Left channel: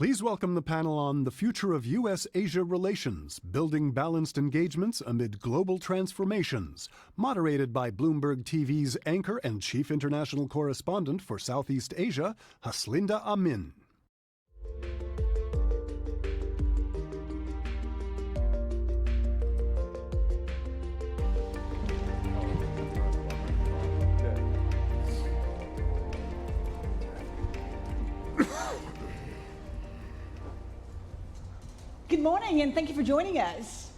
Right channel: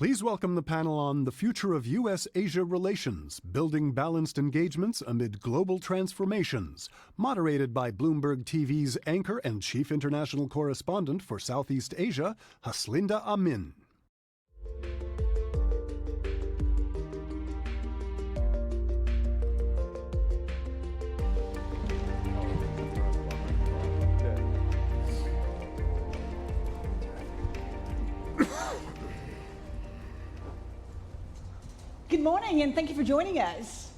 Please welcome the panel on the future of U.S.-Asia relations, building balanced engagements amid global transformations, moderated by Bloomberg TV's anchor and chief international correspondent for Southeast Asia, Haslinda Amin. Good morning, and thank you for joining us.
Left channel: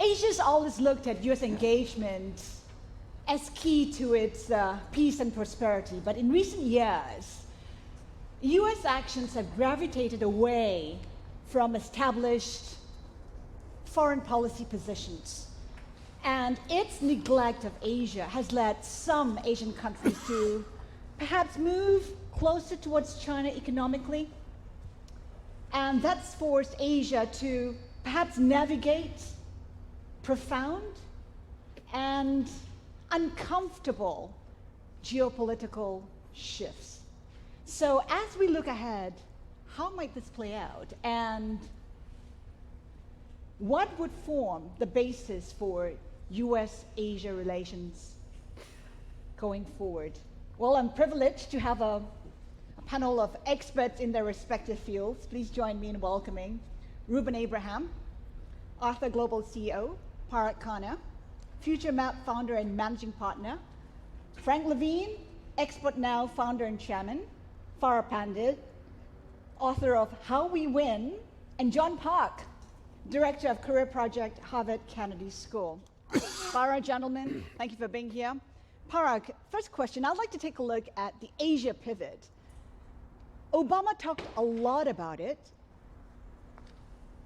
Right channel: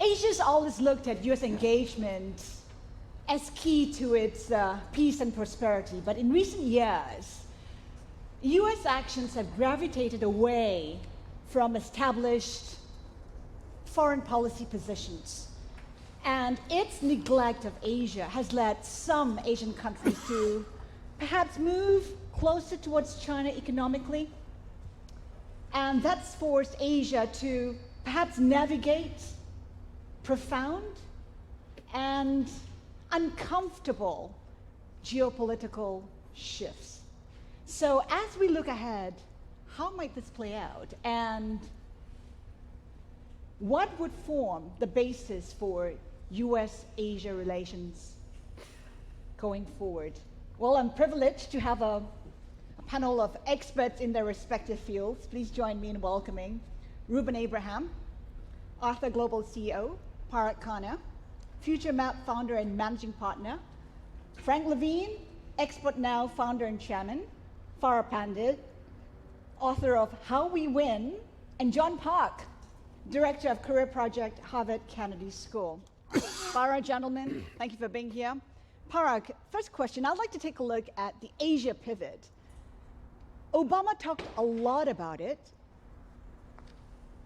Asia's always looked at U.S. engagement as key to its peace and prosperity, but in recent years, U.S. actions have gravitated away from established foreign policy positions. And its neglect of Asia has led some Asian countries to perhaps move closer towards China economically. And that's forced Asia to perhaps navigate profound and uncomfortable geopolitical shifts. So as we look ahead, how might this play out? And what would form the basis for U.S.-Asia relations going forward? Well, I'm privileged to have a panel of experts in their respective fields. Please join me in welcoming Ruben Abraham, Arthur Global CEO, Parag Khanna, Future Map founder and managing partner, Frank Levine, Expert Now founder and chairman, Farah Pandit, author of How We Win, and John Park, director of Career Project, Harvard Kennedy School. Farah, gentlemen, thank you for being here. Parag, first question, I'd like to take a look at the Asia pivot. Obama talked a lot about it.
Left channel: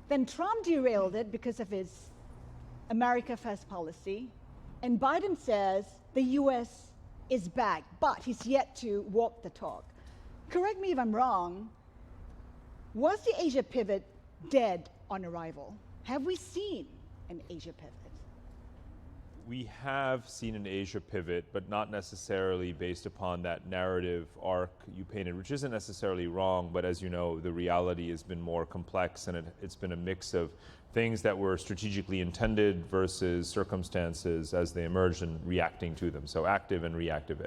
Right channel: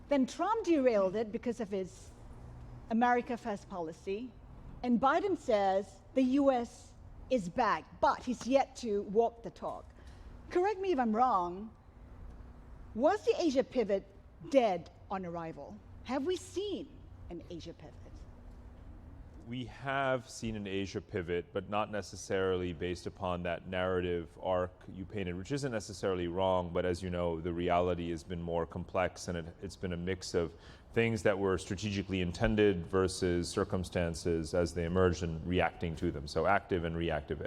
Then Trump derailed it because of his America First policy. And Biden says the US is back, but he's yet to walk the talk. Correct me if I'm wrong. Was the Asia pivot dead on arrival? Have we seen an Asia pivot? We have seen an Asia pivot, but not necessarily based upon that narrative arc you painted, which isn't necessarily wrong, but as you know, the reality has been more complex, and it's been a mix of things that were strategically intended versus circumstances as they emerged and reacting to them. So active and reactive.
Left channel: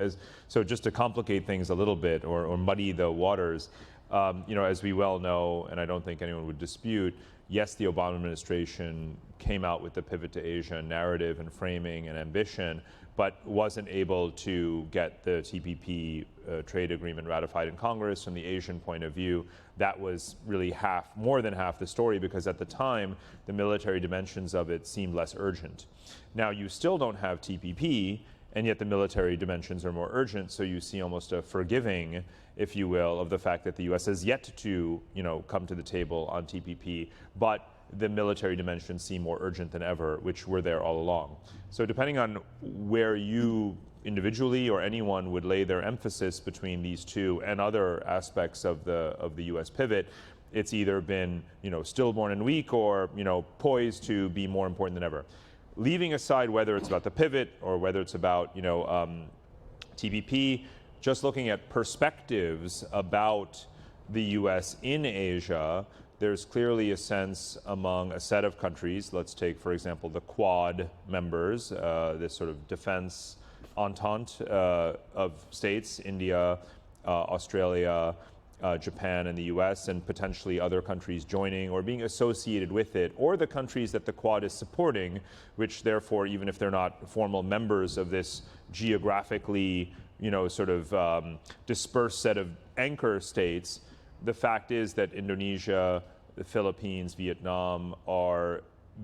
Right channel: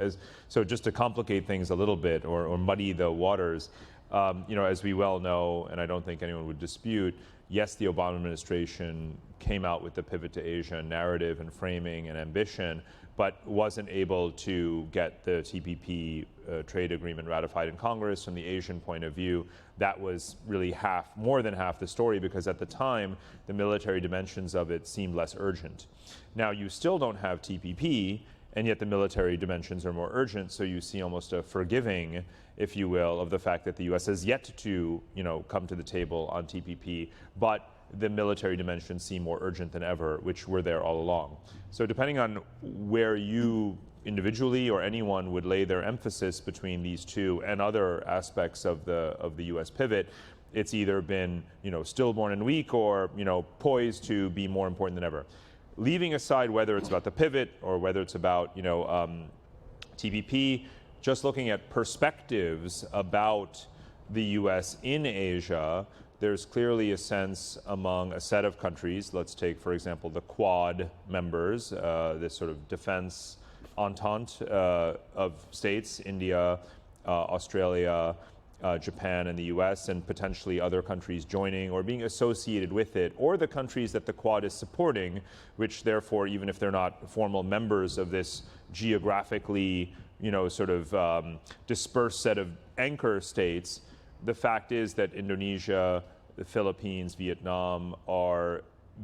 So just to complicate things a little bit or muddy the waters, as we well know, and I don't think anyone would dispute, yes, the Obama administration came out with the pivot to Asia narrative and framing and ambition, but wasn't able to get the TPP trade agreement ratified in Congress. From the Asian point of view, that was really more than half the story, because at the time, the military dimensions of it seemed less urgent. Now, you still don't have TPP, and yet the military dimensions are more urgent, so you see almost a forgiving, if you will, of the fact that the U.S. has yet to, come to the table on TPP, but the military dimensions seem more urgent than ever, which were there all along. So depending on where you individually or anyone would lay their emphasis between these two and other aspects of the U.S. pivot, it's either been, stillborn and weak or, poised to be more important than ever. Leaving aside whether it's about the pivot or whether it's about TPP, just looking at perspectives about the U.S. in Asia, there's clearly a sense among a set of countries. Let's take, for example, the Quad members, this sort of defense entente of states, India, Australia, Japan and the US, and potentially other countries joining or being associated with it, or the countries that the Quad is supporting, which therefore, even if they're not formal members of this geographically, dispersed set of anchor states, the fact is that Indonesia, the Philippines, Vietnam are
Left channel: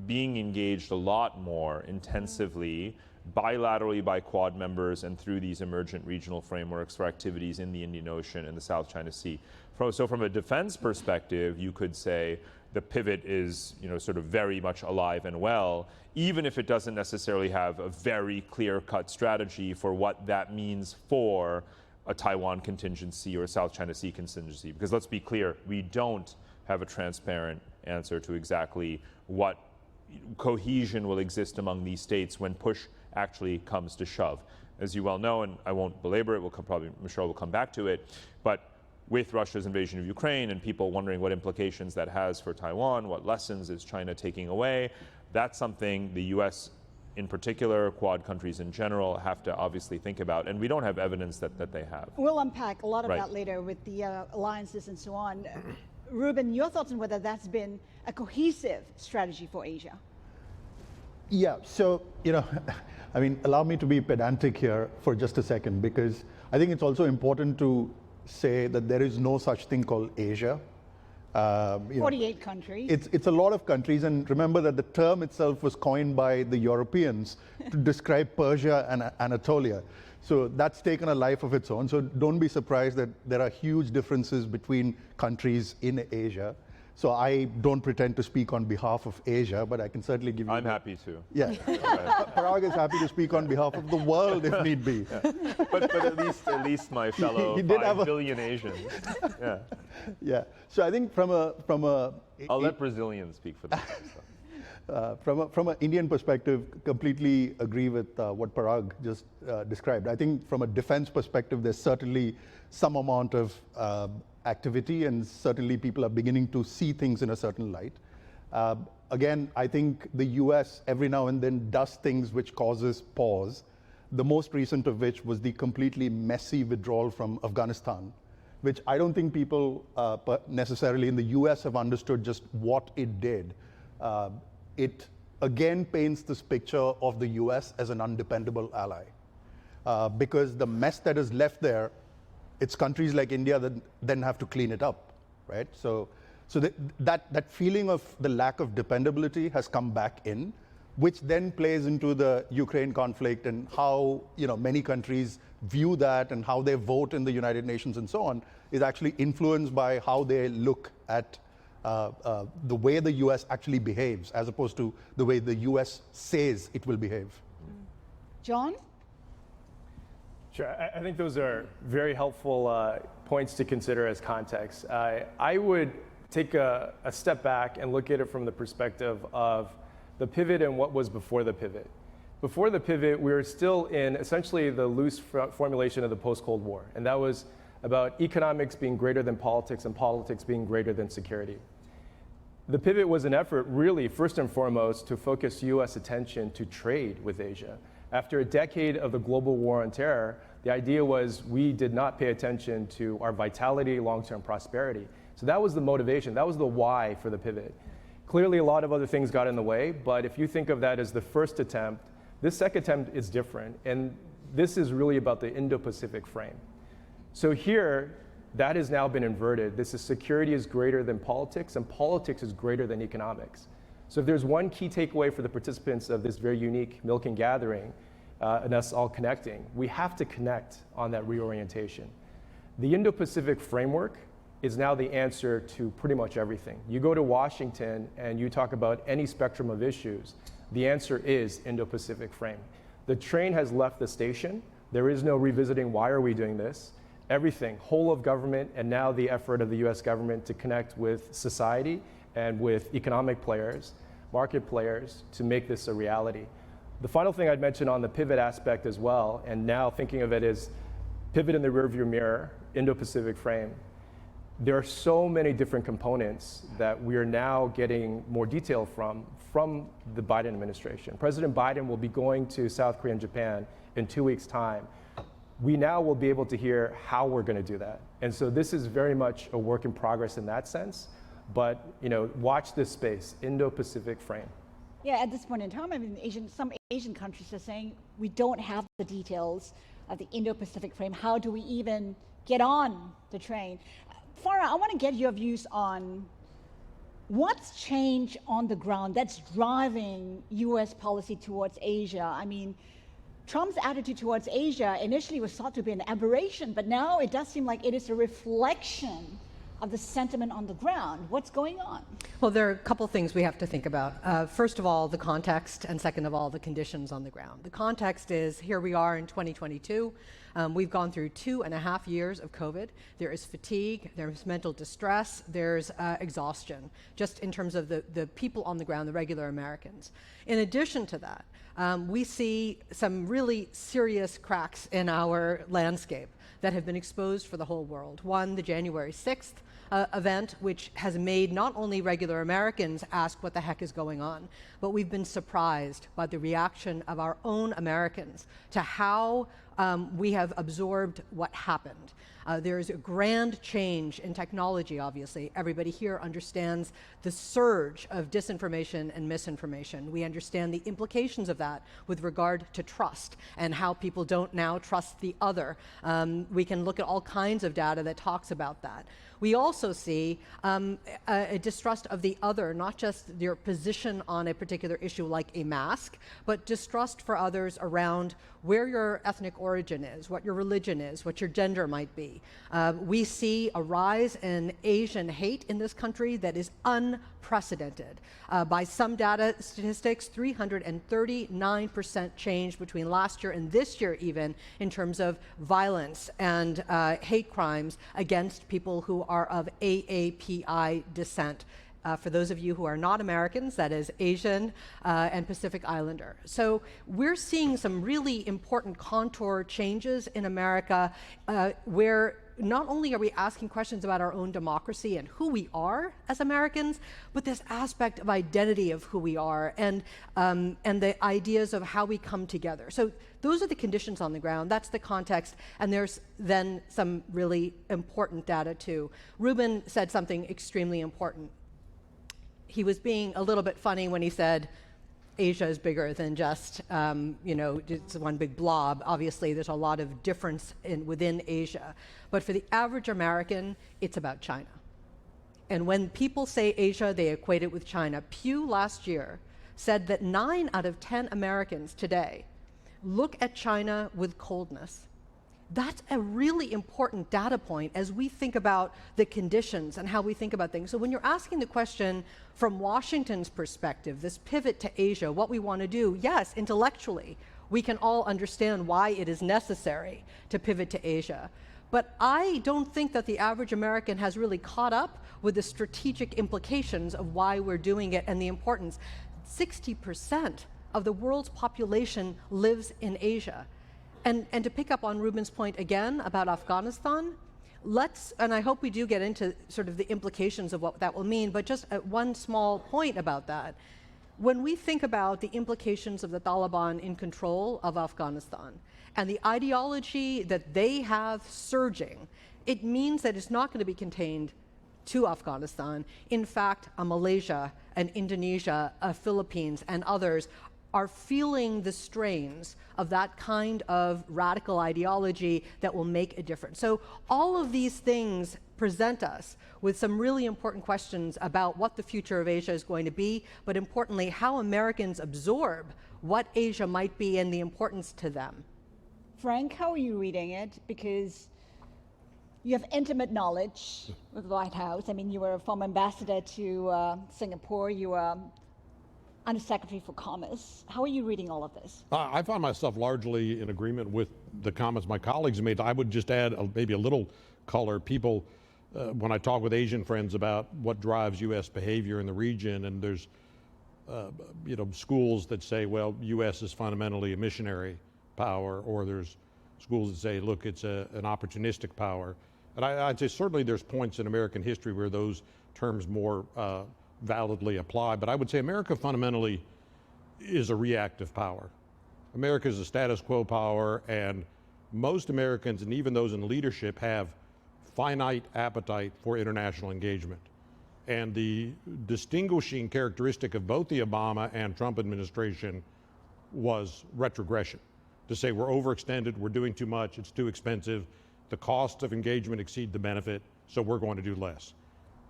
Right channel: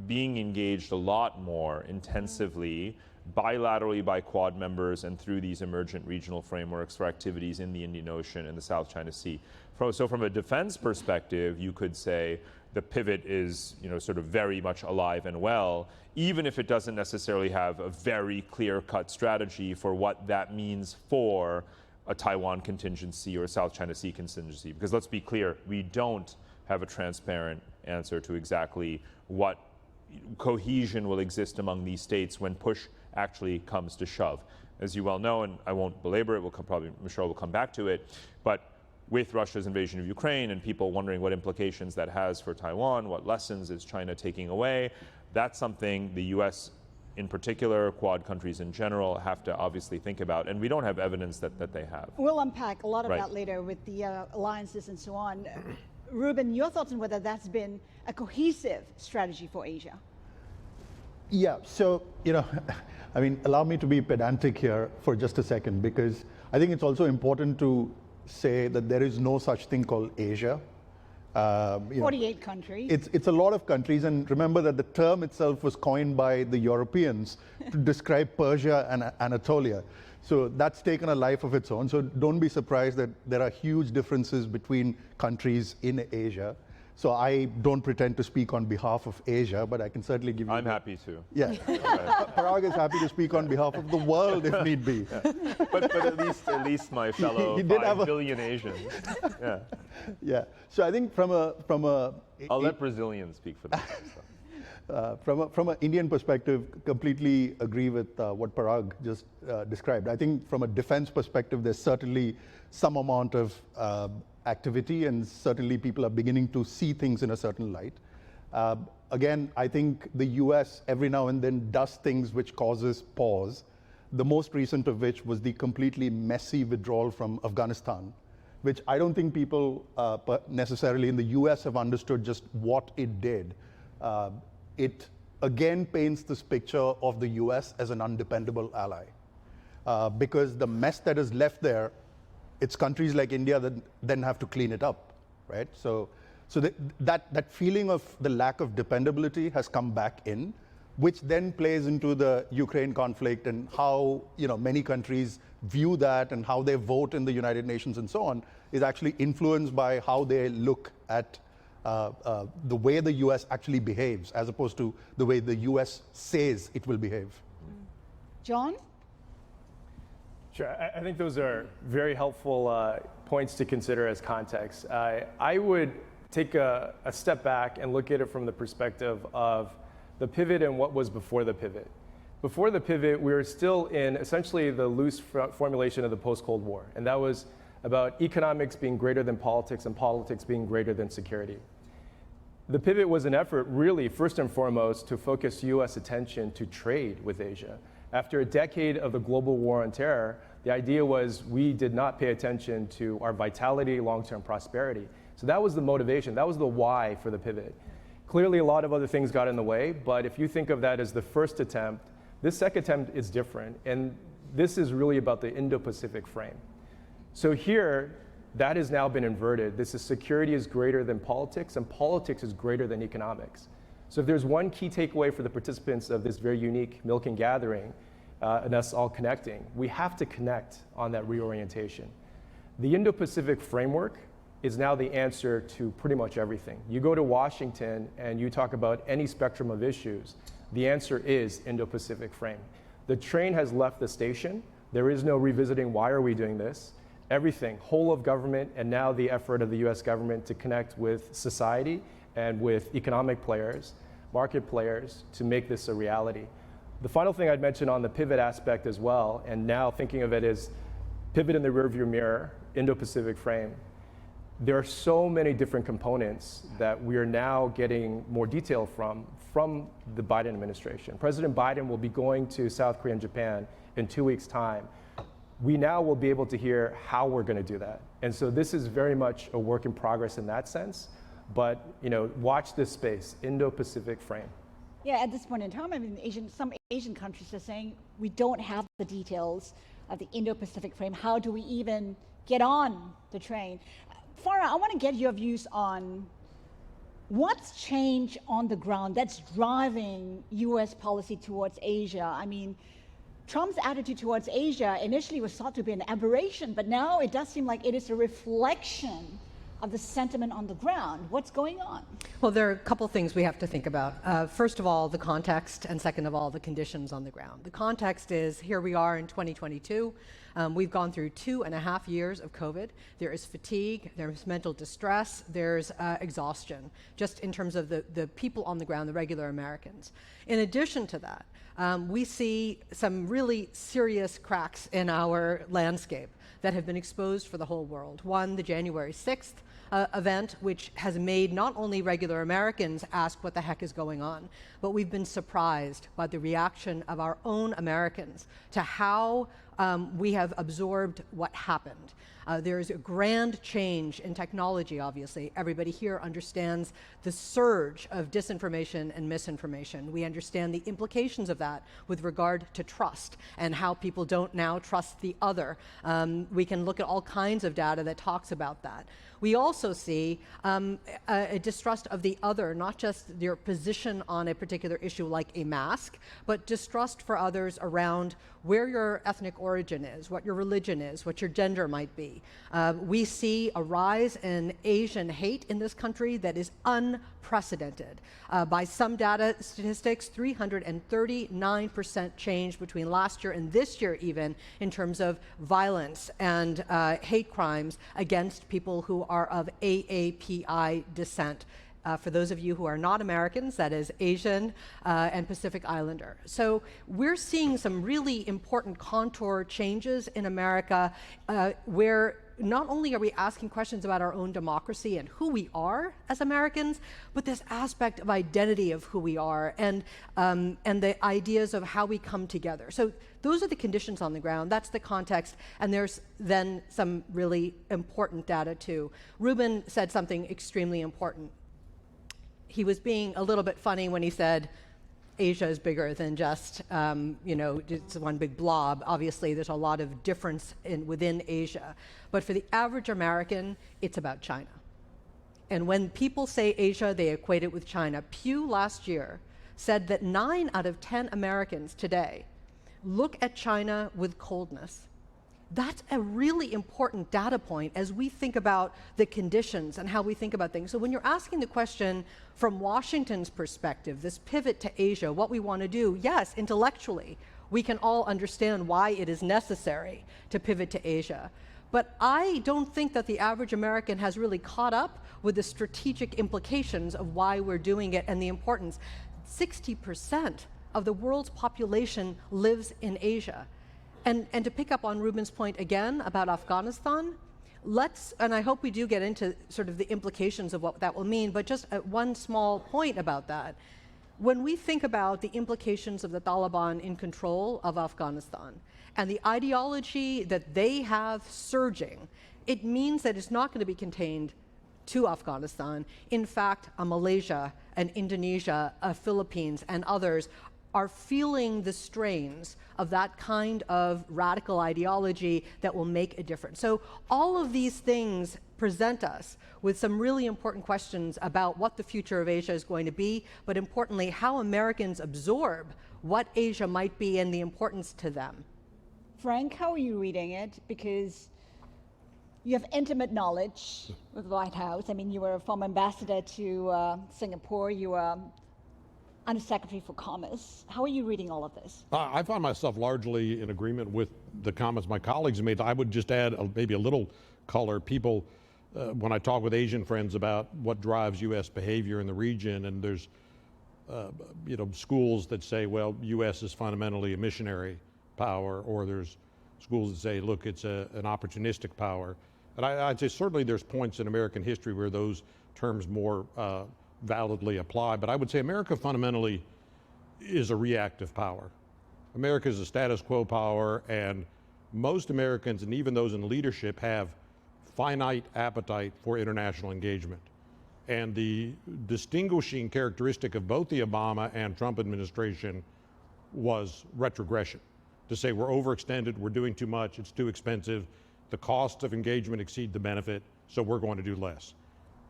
being engaged a lot more intensively bilaterally by Quad members and through these emergent regional frameworks for activities in the Indian Ocean and the South China Sea. So from a defense perspective, you could say the pivot is, very much alive and well, even if it doesn't necessarily have a very clear-cut strategy for what that means for a Taiwan contingency or a South China Sea contingency. Because let's be clear, we don't have a transparent answer to exactly what cohesion will exist among these states when push actually comes to shove. As you well know, and I won't belabor it, Michelle will come back to it, but with Russia's invasion of Ukraine and people wondering what implications that has for Taiwan, what lessons is China taking away. That's something the U.S. in particular, Quad countries in general, have to obviously think about, and we don't have evidence that they have. We'll unpack a lot of Right. that later with the alliances and so on. Ruben, your thoughts on whether that's been a cohesive strategy for Asia? Yeah, so, I mean, allow me to be pedantic here for just a second, because I think it's also important to say that there is no such thing called Asia. 48 countries. It's a lot of countries, and remember that the term itself was coined by the Europeans to describe Persia and Anatolia. So that's taken a life of its own. So don't be surprised that there are huge differences between countries in Asia. So I don't pretend to speak on behalf of Asia, but I can certainly give you... I'm happy to. Yeah, Parag is happy to speak on behalf of the world if need be. But at least my fellow He did 5 billion Asians. Yeah. Yeah. So I think from a I'll let Brazilians speak for themselves. from an Indian perspective, completely agree with what Parag just described. I think from a defense perspective, there's certainly some amount of activity, and certainly people are beginning to see things in a certain light. Again, I think the US every now and then does things which causes pause, the most recent of which was the completely messy withdrawal from Afghanistan, which I don't think people necessarily in the US have understood just what it did. It again paints this picture of the US as an undependable ally, because the mess that is left there, it's countries like India that then have to clean it up, right? So that feeling of the lack of dependability has come back in, which then plays into the Ukraine conflict and how many countries view that and how they vote in the United Nations and so on is actually influenced by how they look at the way the US actually behaves, as opposed to the way the US says it will behave. John? Sure, I think those are very helpful points to consider as context. I would take a step back and look at it from the perspective of the pivot and what was before the pivot. Before the pivot, we were still in essentially the loose formulation of the post-Cold War, and that was about economics being greater than politics and politics being greater than security. The pivot was an effort, really, first and foremost, to focus US attention to trade with Asia. After a decade of the global war on terror, the idea was we did not pay attention to our vitality, long-term prosperity. So that was the motivation, that was the why for the pivot. Clearly, a lot of other things got in the way, but if you think of that as the first attempt, this second attempt is different, and this is really about the Indo-Pacific frame. So here, that has now been inverted. This is security is greater than politics, and politics is greater than economics. So if there's one key takeaway for the participants of this very unique Milken gathering, and us all connecting, we have to connect on that reorientation. The Indo-Pacific framework is now the answer to pretty much everything. You go to Washington and you talk about any spectrum of issues, the answer is Indo-Pacific frame. The train has left the station. There is no revisiting why are we doing this. Everything, whole of government, and now the effort of the US government to connect with society and with economic players, market players, to make this a reality. The final thing I'd mention on the pivot aspect as well, and now thinking of it as pivot in the rearview mirror, Indo-Pacific frame, there are so many different components that we are now getting more detail from the Biden administration. President Biden will be going to South Korea and Japan in 2 weeks' time. We now will be able to hear how we're going to do that. And so this is very much a work in progress in that sense, but watch this space, Indo-Pacific frame. Yeah, at this point in time, I mean, some Asian countries are saying we don't have the details of the Indo-Pacific frame. How do we even get on the train? Farah, I want to get your views on what's changed on the ground that's driving US policy towards Asia. I mean, Trump's attitude towards Asia initially was thought to be an aberration, but now it does seem like it is a reflection of the sentiment on the ground. What's going on? Well, there are a couple things we have to think about. First of all, the context, and second of all, the conditions on the ground. The context is, here we are in 2022. We've gone through 2.5 years of COVID. There is fatigue, there's mental distress, there's exhaustion, just in terms of the people on the ground, the regular Americans. In addition to that, we see some really serious cracks in our landscape. that have been exposed for the whole world. One, the January 6th event, which has made not only regular Americans ask what the heck is going on, but we've been surprised by the reaction of our own Americans to how we have absorbed what happened. There's a grand change in technology, obviously. Everybody here understands the surge of disinformation and misinformation. We understand the implications of that with regard to trust and how people don't now trust the other. We can look at all kinds of data that talks about that. We also see a distrust of the other, not just their position on a particular issue like a mask, but distrust for others around where your ethnic origin is, what your religion is, what your gender might be. We see a rise in Asian hate in this country that is unprecedented. By some data statistics, 339% change between last year and this year even in terms of violence and hate crimes against people who are of AAPI descent. For those of you who are not Americans, that is Asian and Pacific Islander. So we're seeing some really important contour changes in America where not only are we asking questions about our own democracy and who we are as Americans, but this aspect of identity of who we are and the ideas of how we come together. So those are the conditions on the ground. That's the context. And there's then some really important data too. Ruben said something extremely important. He was being a little bit funny when he said, Asia is bigger than just, it's one big blob. Obviously, there's a lot of difference within Asia. But for the average American, it's about China. And when people say Asia, they equate it with China. Pew last year said that 9 out of 10 Americans today look at China with coldness. That's a really important data point as we think about the conditions and how we think about things. So when you're asking the question from Washington's perspective, this pivot to Asia, what we want to do, yes, intellectually, we can all understand why it is necessary to pivot to Asia. But I don't think that the average American has really caught up with the strategic implications of why we're doing it and the importance. 60% of the world's population lives in Asia. And to pick up on Ruben's point again about Afghanistan, and I hope we do get into sort of the implications of what that will mean, but just one small point about that. When we think about the implications of the Taliban in control of Afghanistan and the ideology that they have surging, it means that it's not going to be contained to Afghanistan. In fact, Malaysia and Indonesia, Philippines, and others are feeling the strains of that kind of radical ideology that will make a difference. So all of these things present us with some really important questions about what the future of Asia is going to be, but importantly, how Americans absorb what Asia might be and the importance to them. Frank, how are you reading it? Because you have intimate knowledge with the White House. I mean, you were a former ambassador to Singapore. You were Undersecretary for Commerce. How are you reading all of this? I find myself largely in agreement with the comments my colleagues made. I would just add maybe a little color. People, when I talk with Asian friends about what drives U.S. behavior in the region, and there's schools that say, well, U.S. is fundamentally a missionary power, or there's schools that say, look, it's an opportunistic power. And I'd say certainly there's points in American history where those terms more validly apply, but I would say America fundamentally is a reactive power. America is a status quo power, and most Americans, and even those in leadership, have finite appetite for international engagement. And the distinguishing characteristic of both the Obama and Trump administration was retrogression. To say we're overextended, we're doing too much, it's too expensive, the costs of engagement exceed the benefit, so we're going to do less.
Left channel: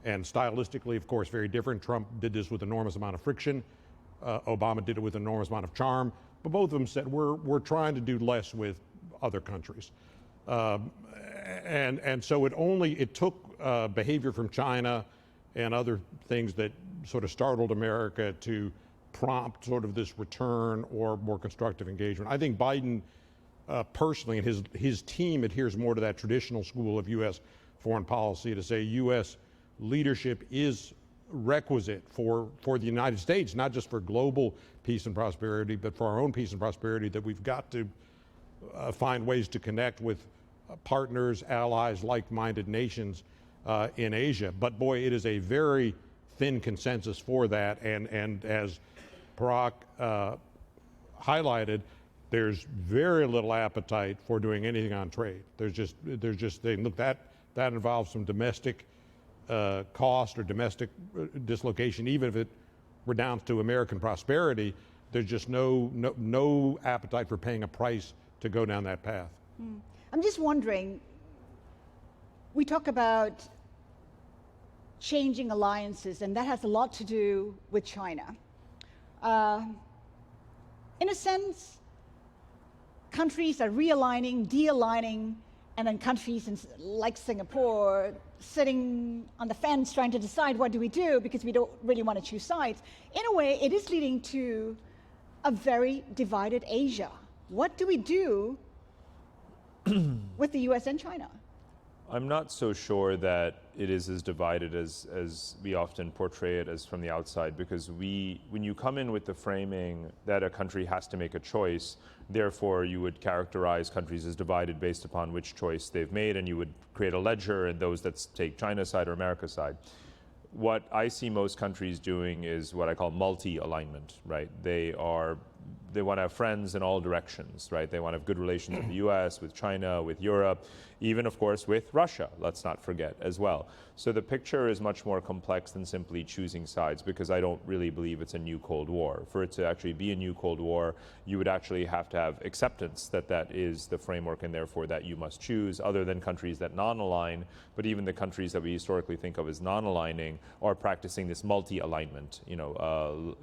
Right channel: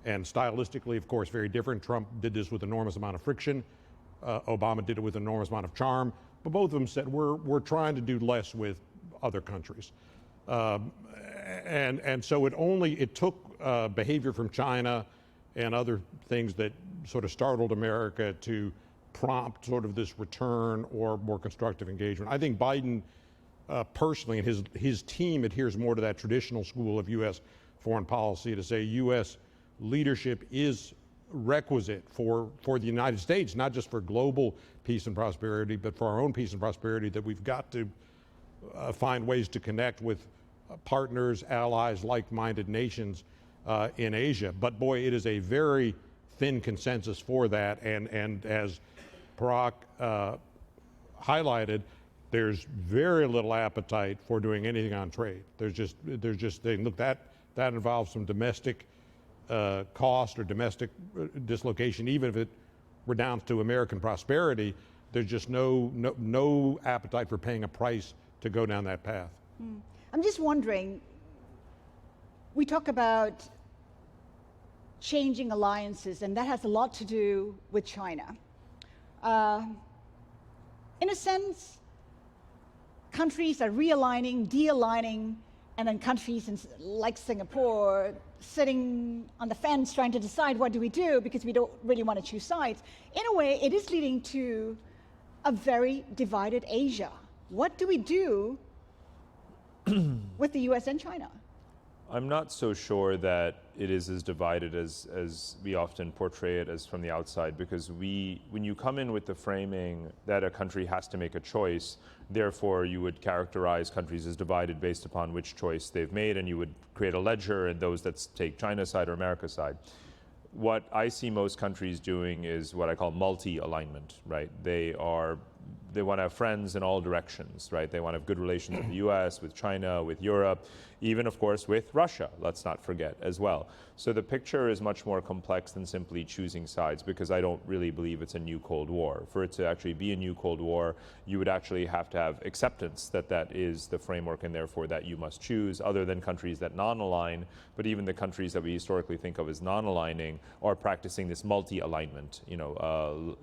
And stylistically, of course, very different. Trump did this with enormous amount of friction. Obama did it with enormous amount of charm. But both of them said, we're trying to do less with other countries. And so it took behavior from China and other things that sort of startled America to prompt sort of this return or more constructive engagement. I think Biden personally and his team adheres more to that traditional school of U.S. foreign policy to say U.S. leadership is requisite for the United States, not just for global peace and prosperity, but for our own peace and prosperity, that we've got to find ways to connect with partners, allies, like-minded nations in Asia. But boy, it is a very thin consensus for that. And as Parag highlighted, there's very little appetite for doing anything on trade. There's just saying, look, that involves some domestic cost or domestic dislocation, even if it redounds to American prosperity. There's just no appetite for paying a price to go down that path. I'm just wondering, we talk about changing alliances, and that has a lot to do with China. In a sense, countries are realigning, de-aligning, and then countries like Singapore sitting on the fence trying to decide what do we do because we don't really want to choose sides. In a way, it is leading to a very divided Asia. What do we do with the US and China? I'm not so sure that it is as divided as we often portray it as from the outside, because when you come in with the framing that a country has to make a choice, therefore you would characterize countries as divided based upon which choice they've made, and you would create a ledger and those that take China's side or America's side. What I see most countries doing is what I call multi-alignment, right? They want to have friends in all directions, right? They want to have good relations with the US, with China, with Europe, even, of course, with Russia, let's not forget, as well. So the picture is much more complex than simply choosing sides, because I don't really believe it's a new Cold War. For it to actually be a new Cold War, you would actually have to have acceptance that that is the framework, and therefore that you must choose, other than countries that non-align. But even the countries that we historically think of as non-aligning are practicing this multi-alignment,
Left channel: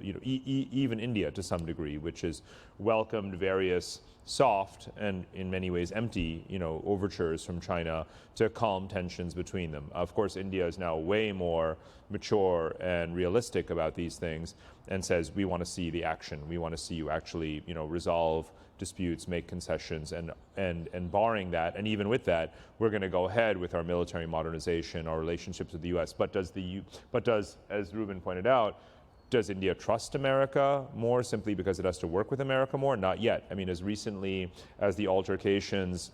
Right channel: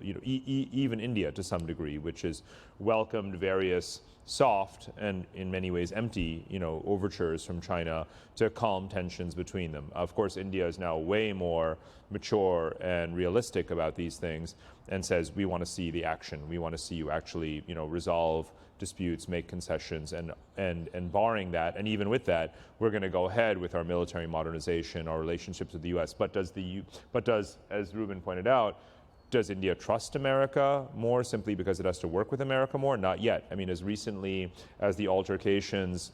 even India to some degree, which has welcomed various soft and in many ways empty, overtures from China to calm tensions between them. Of course, India is now way more mature and realistic about these things and says, we want to see the action. We want to see you actually, resolve disputes, make concessions, and barring that, and even with that, we're going to go ahead with our military modernization, our relationships with the U.S. But does, as Ruben pointed out, does India trust America more simply because it has to work with America more? Not yet. I mean, as recently as the altercations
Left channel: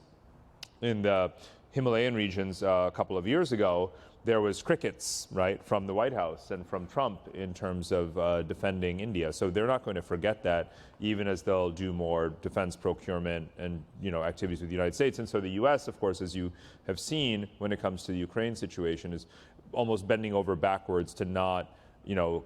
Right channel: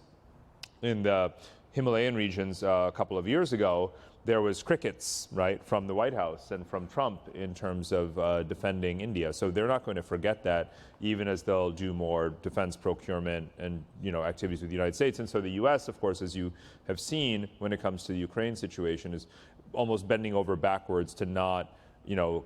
in the Himalayan regions a couple of years ago, there was crickets, right, from the White House and from Trump in terms of defending India. So they're not going to forget that, even as they'll do more defense procurement and, activities with the United States. And so the U.S., of course, as you have seen when it comes to the Ukraine situation, is almost bending over backwards to not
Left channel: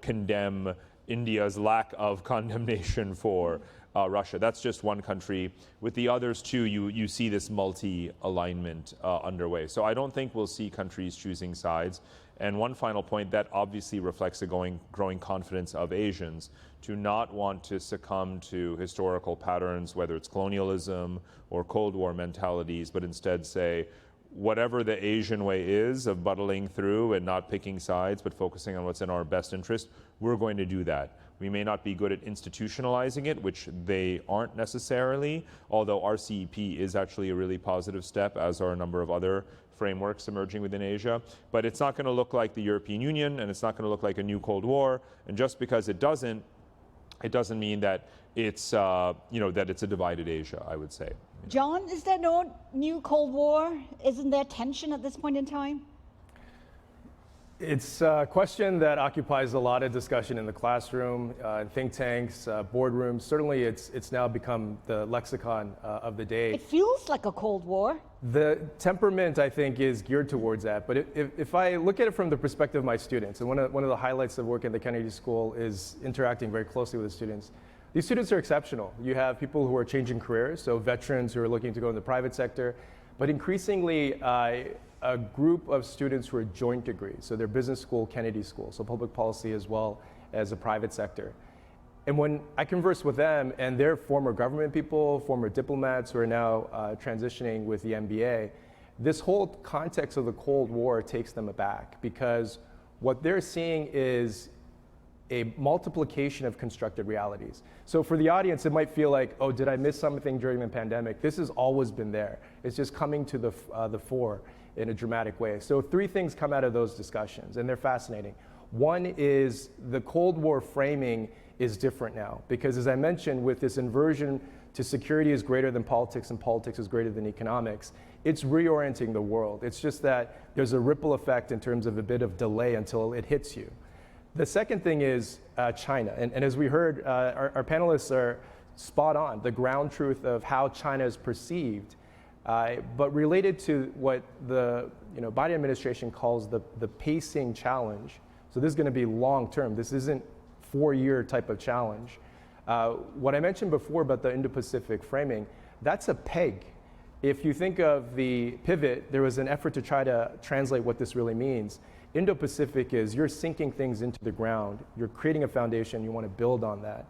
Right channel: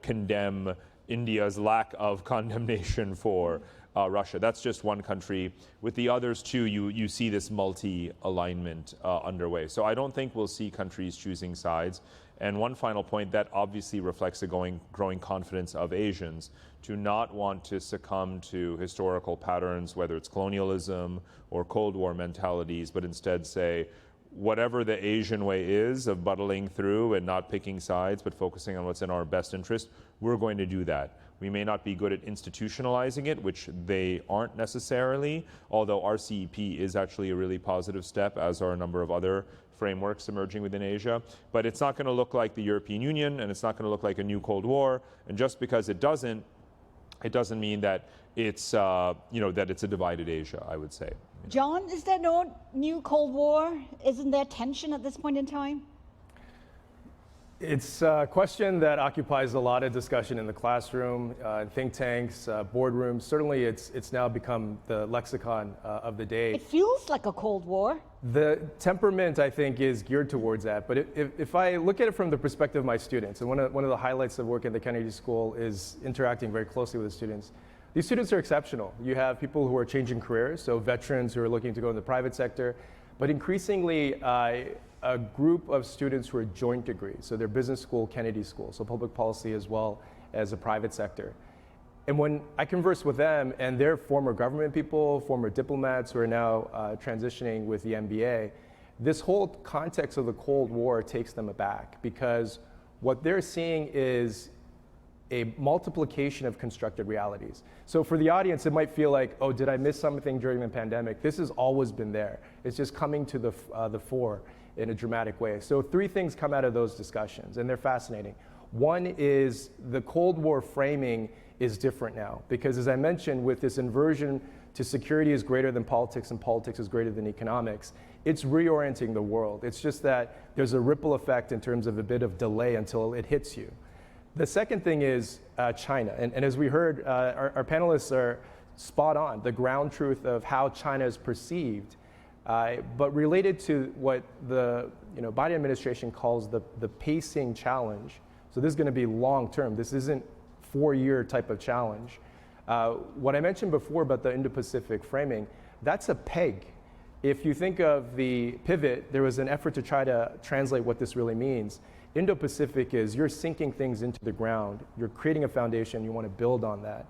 condemn India's lack of condemnation for Russia. That's just one country. With the others too, you see this multi-alignment underway. So I don't think we'll see countries choosing sides. And one final point, that obviously reflects a growing confidence of Asians to not want to succumb to historical patterns, whether it's colonialism or Cold War mentalities, but instead say, whatever the Asian way is of buttling through and not picking sides, but focusing on what's in our best interest, we're going to do that. We may not be good at institutionalizing it, which they aren't necessarily, although RCEP is actually a really positive step, as are a number of other frameworks emerging within Asia. But it's not going to look like the European Union, and it's not going to look like a new Cold War. And just because it doesn't mean that it's that it's a divided Asia, I would say. John, is there no new Cold War? Isn't there tension at this point in time? It's a question that occupies a lot of discussion in the classroom, think tanks, boardrooms. Certainly, it's now become the lexicon of the day. It feels like a Cold War. The temperament, I think, is geared towards that. But if I look at it from the perspective of my students, and one of the highlights of work at the Kennedy School is interacting very closely with the students. These students are exceptional. You have people who are changing careers, so veterans who are looking to go in the private sector, but increasingly a group of students who are joint degrees. So they're business school, Kennedy School, so public policy as well as the private sector. And when I converse with them, and they're former government people, former diplomats who are now transitioning with the MBA, this whole context of the Cold War takes them aback, because what they're seeing is a multiplication of constructed realities. So for the audience, it might feel like, oh, did I miss something during the pandemic? This has always been there. It's just coming to the fore in a dramatic way. So 3 things come out of those discussions, and they're fascinating. One is the Cold War framing is different now, because as I mentioned, with this inversion to security is greater than politics and politics is greater than economics, it's reorienting the world. It's just that there's a ripple effect in terms of a bit of delay until it hits you. The second thing is China. And as we heard, our panelists are spot on, the ground truth of how China is perceived, but related to what the Biden administration calls the pacing challenge. So this is going to be long term. This isn't 4-year type of challenge. What I mentioned before about the Indo-Pacific framing, that's a peg. If you think of the pivot, there was an effort to try to translate what this really means. Indo-Pacific is you're sinking things into the ground, you're creating a foundation, you want to build on that.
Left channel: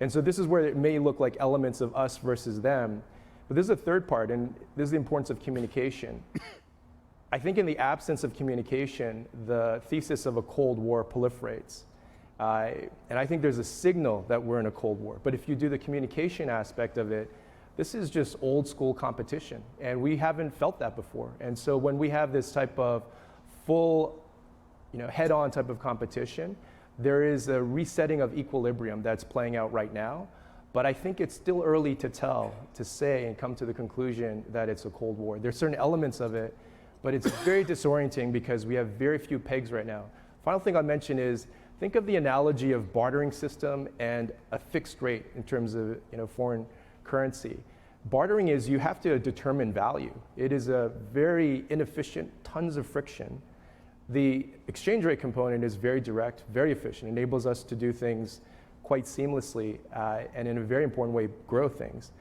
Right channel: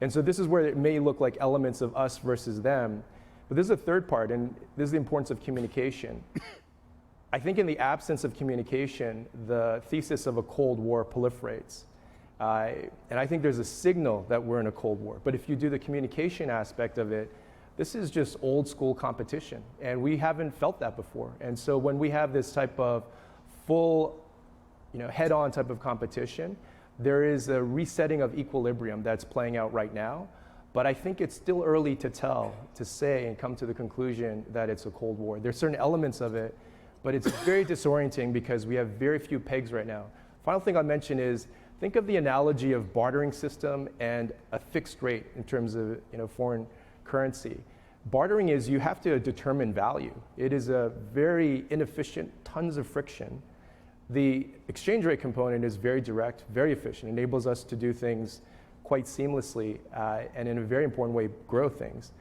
And so this is where it may look like elements of us versus them. But this is a third part, and this is the importance of communication. I think in the absence of communication, the thesis of a Cold War proliferates. And I think there's a signal that we're in a Cold War. But if you do the communication aspect of it, this is just old school competition. And we haven't felt that before. And so when we have this type of full, head-on type of competition, there is a resetting of equilibrium that's playing out right now. But I think it's still early to tell, to say and come to the conclusion that it's a Cold War. There's certain elements of it, but it's very disorienting because we have very few pegs right now. Final thing I'll mention is, think of the analogy of bartering system and a fixed rate in terms of foreign currency. Bartering is you have to determine value. It is a very inefficient, tons of friction. The exchange rate component is very direct, very efficient, enables us to do things quite seamlessly and in a very important way grow things.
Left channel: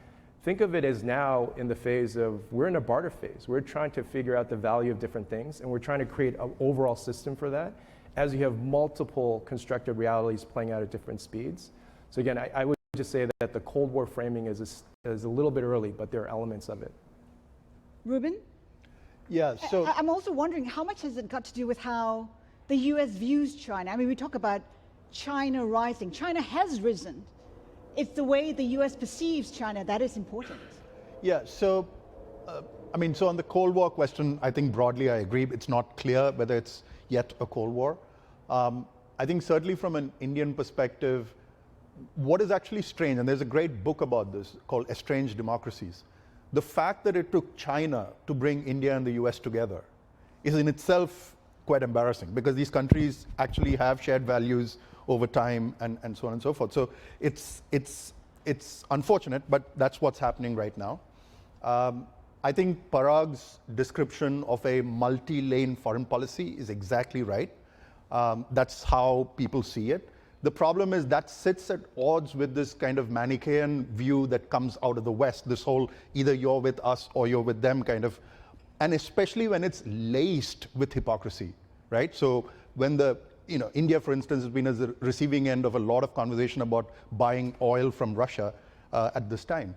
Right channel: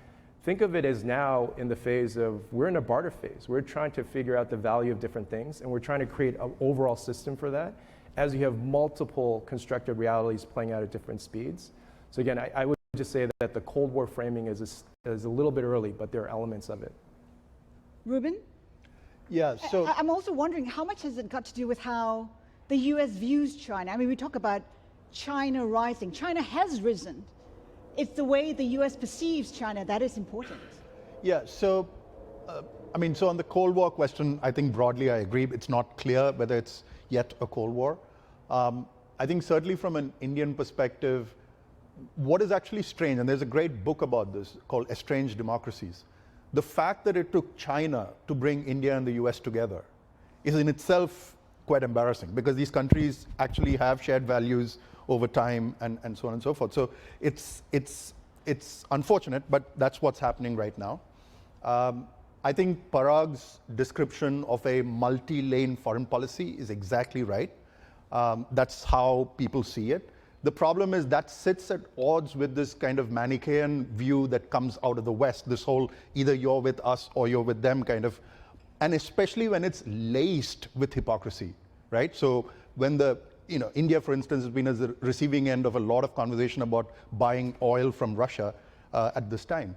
Think of it as now in the phase of, we're in a barter phase. We're trying to figure out the value of different things, and we're trying to create an overall system for that as you have multiple constructed realities playing out at different speeds. So again, I would just say that the Cold War framing is a little bit early, but there are elements of it. Ruben? Yeah, so I'm also wondering, how much has it got to do with how the U.S. views China? I mean, we talk about China rising. China has risen. It's the way the U.S. perceives China that is important. Yeah, so, so on the Cold War question, I think broadly I agree. It's not clear whether it's yet a Cold War. I think certainly from an Indian perspective, what is actually strange, and there's a great book about this called Estranged Democracies. The fact that it took China to bring India and the US together is in itself quite embarrassing, because these countries actually have shared values over time and so on and so forth. So it's unfortunate, but that's what's happening right now. I think Parag's description of a multi-lane foreign policy is exactly right. That's how people see it. The problem is that sits at odds with this kind of Manichaean view that comes out of the West, this whole either you're with us or you're with them kind of, and especially when it's laced with hypocrisy, right? So when India, for instance, has been at the receiving end of a lot of conversation about buying oil from Russia at this time.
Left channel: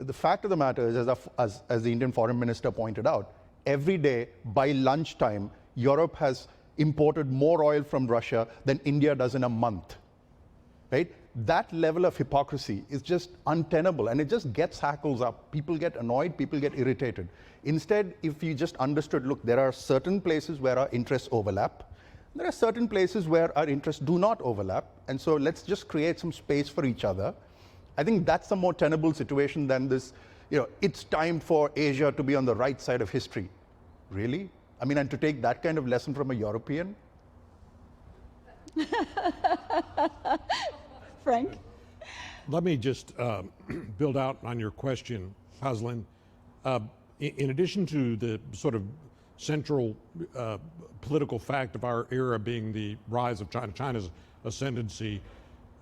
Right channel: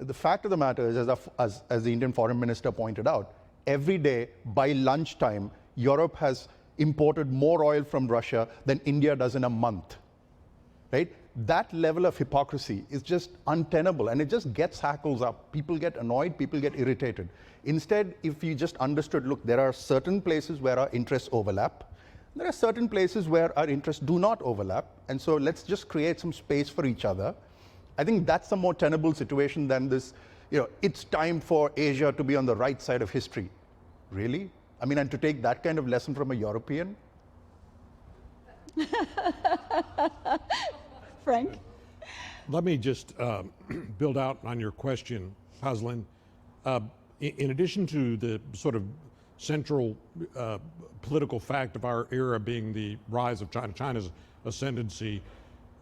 The fact of the matter is, as the Indian foreign minister pointed out, every day by lunchtime, Europe has imported more oil from Russia than India does in a month, right? That level of hypocrisy is just untenable, and it just gets hackles up. People get annoyed, people get irritated. Instead, if you just understood, look, there are certain places where our interests overlap. There are certain places where our interests do not overlap, and so let's just create some space for each other. I think that's a more tenable situation than this, it's time for Asia to be on the right side of history. Really? I mean, and to take that kind of lesson from a European? Frank? Let me just build out on your question, Haslin. In addition to the sort of central political fact of our era being the rise of China's ascendancy,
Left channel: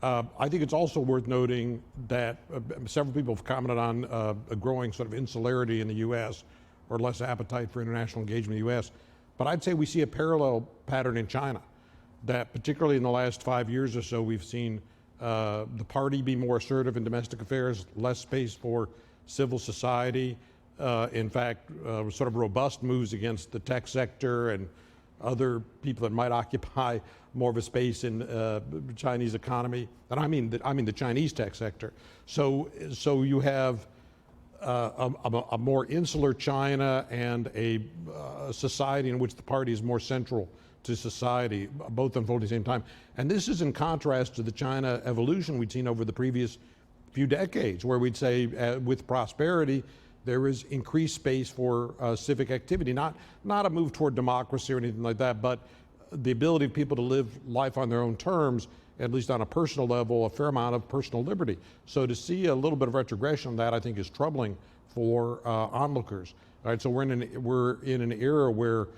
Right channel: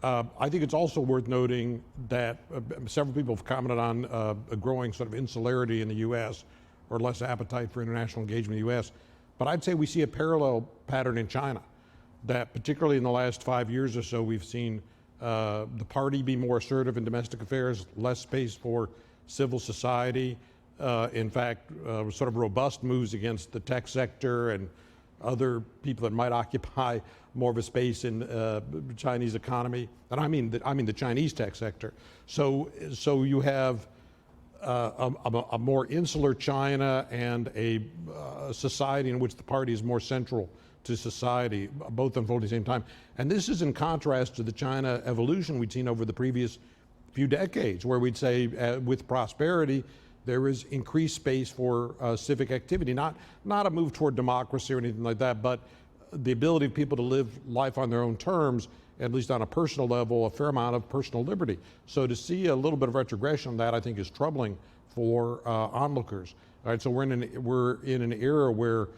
I think it's also worth noting that several people have commented on a growing sort of insularity in the U.S., or less appetite for international engagement in the U.S. But I'd say we see a parallel pattern in China, that particularly in the last 5 years or so, we've seen the party be more assertive in domestic affairs, less space for civil society. In fact, sort of robust moves against the tech sector and other people that might occupy more of a space in the Chinese economy. And I mean the Chinese tech sector. So you have a more insular China and a society in which the party is more central to society, both unfolding at the same time. And this is in contrast to the China evolution we'd seen over the previous few decades, where we'd say with prosperity, there is increased space for civic activity, not a move toward democracy or anything like that, but the ability of people to live life on their own terms, at least on a personal level, a fair amount of personal liberty. So to see a little bit of retrogression on that, I think, is troubling for onlookers. All right, so we're in an era where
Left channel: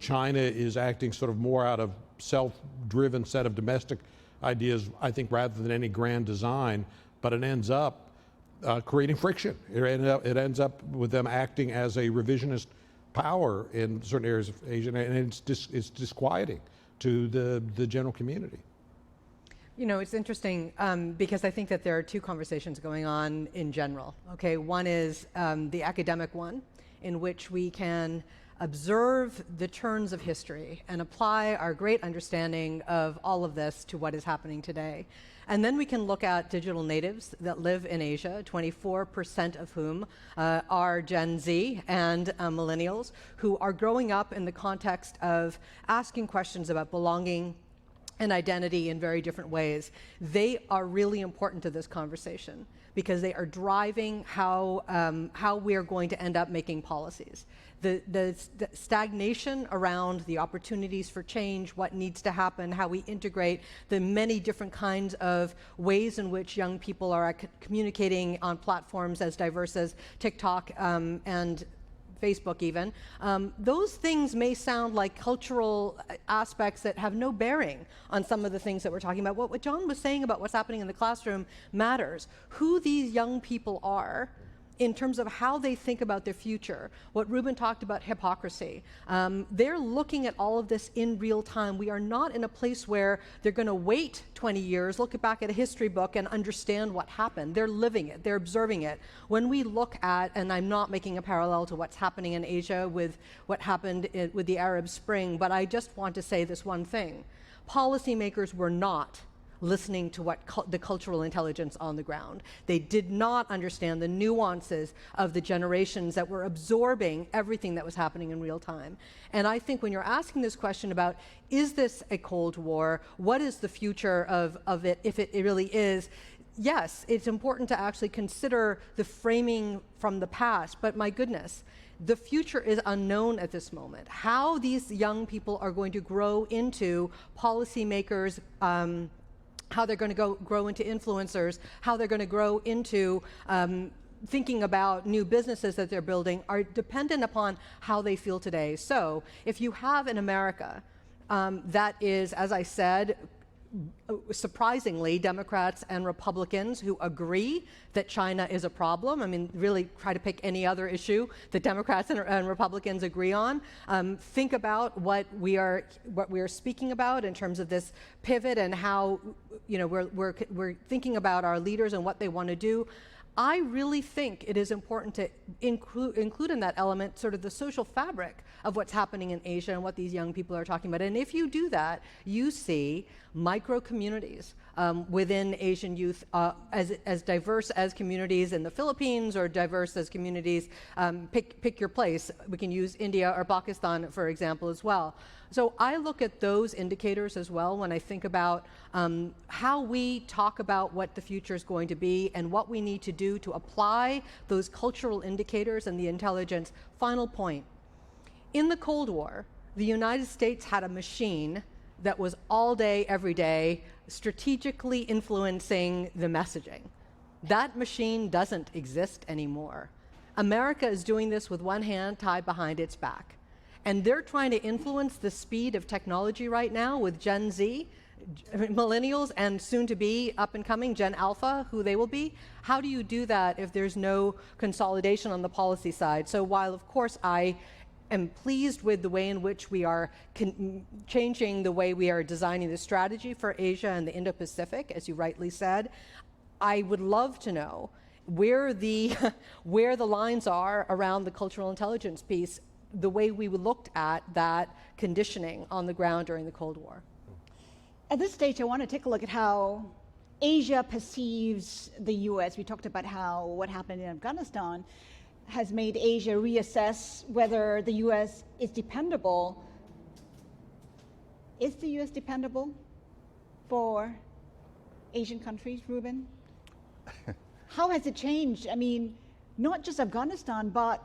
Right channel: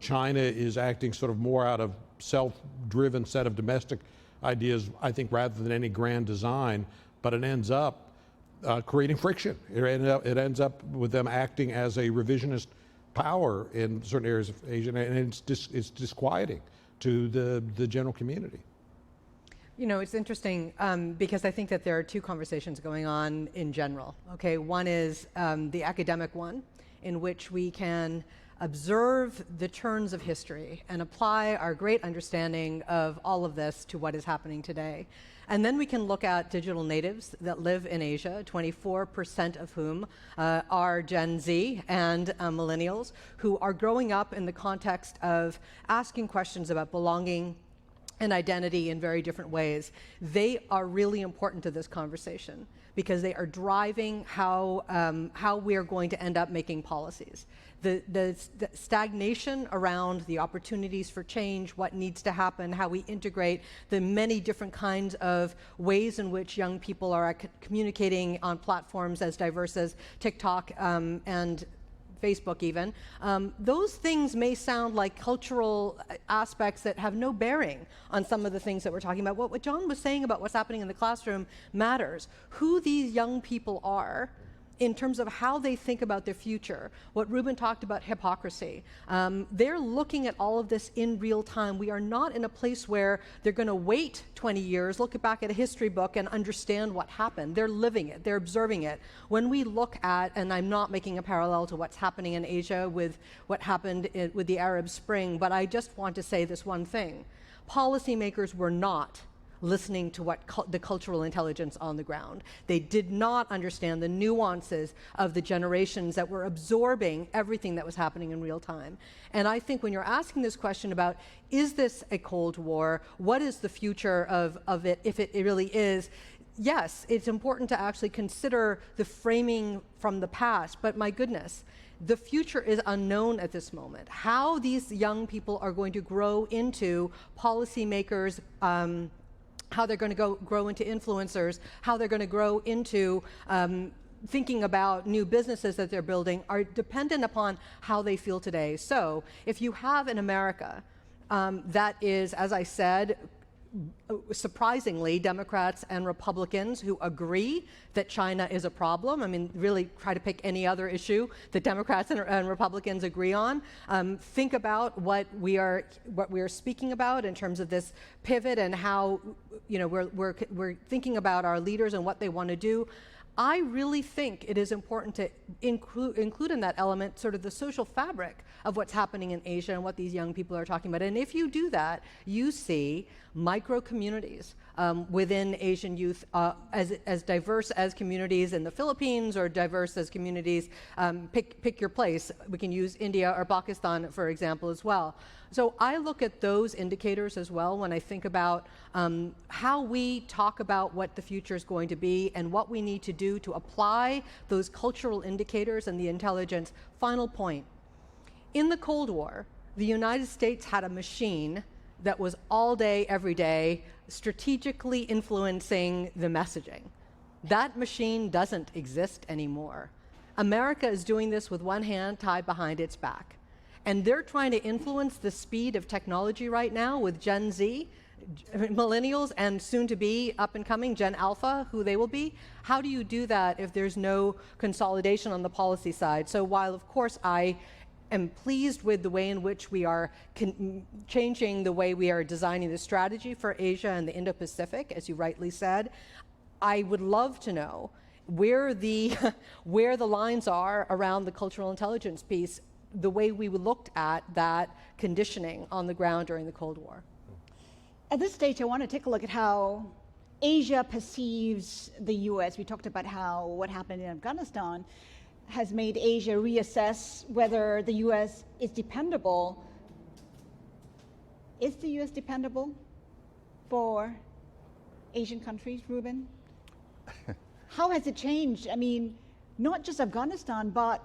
China is acting sort of more out of self-driven set of domestic ideas, I think, rather than any grand design, but it ends up creating friction. It ends up with them acting as a revisionist power in certain areas of Asia, and it's disquieting to the general community. You know, it's interesting because I think that there are two conversations going on in general. Okay, one is the academic one, in which we can observe the turns of history and apply our great understanding of all of this to what is happening today. And then we can look at digital natives that live in Asia, 24% of whom are Gen Z and millennials, who are growing up in the context of asking questions about belonging and identity in very different ways. They are really important to this conversation because they are driving how we are going to end up making policies. The stagnation around the opportunities for change, what needs to happen, how we integrate the many different kinds of ways in which young people are communicating on platforms as diverse as TikTok and Facebook even. Those things may sound like cultural aspects that have no bearing on some of the things that we're talking about. What John was saying about what's happening in the classroom matters. Who these young people are in terms of how they think about their future. What Ruben talked about, hypocrisy. They're looking at all of this in real time. We are not in a place where they're going to wait 20 years, look back at a history book and understand what happened. They're living it, they're observing it. When we look at, and I'm not making a parallel to what's happening in Asia with what happened with the Arab Spring, but I just want to say this one thing. Policymakers were not listening to what the cultural intelligence on the ground. They did not understand the nuances of the generations that were absorbing everything that was happening in real time. And I think when you're asking this question about, is this a Cold War? What is the future of it, if it really is? Yes, it's important to actually consider the framing from the past, but my goodness, the future is unknown at this moment. How these young people are going to grow into policymakers, how they're going to grow into influencers, how they're going to grow into thinking about new businesses that they're building are dependent upon how they feel today. So if you have an America that is, as I said, surprisingly, Democrats and Republicans who agree that China is a problem. I mean, really try to pick any other issue that Democrats and Republicans agree on. Think about what we are speaking about in terms of this pivot and how, you know, we're thinking about our leaders and what they want to do. I really think it is important to include in that element sort of the social fabric of what's happening in Asia and what these young people are talking about. And if you do that, you see micro communities within Asian youth as diverse as communities in the Philippines or diverse as communities, pick your place. We can use India or Pakistan, for example, as well. So I look at those indicators as well when I think about how we talk about what the future is going to be and what we need to do to apply those cultural indicators and the intelligence. Final point. In the Cold War, the United States had a machine that was all day, every day, strategically influencing the messaging. That machine doesn't exist anymore. America is doing this with one hand tied behind its back. And they're trying to influence the speed of technology right now with Gen Z, millennials, and soon to be up and coming Gen Alpha, who they will be. How do you do that if there's no consolidation on the policy side? So while, of course, I am pleased with the way in which we are changing the way we are designing the strategy for Asia and the Indo-Pacific, as you rightly said, I would love to know where the lines are around the cultural intelligence piece, the way we looked at that conditioning on the ground during the Cold War. At this stage, I want to take a look at how Asia perceives the U.S. We talked about how what happened in Afghanistan has made Asia reassess whether the U.S. is dependable. Is the U.S. dependable for Asian countries, Ruben? How has it changed? I mean, not just Afghanistan, but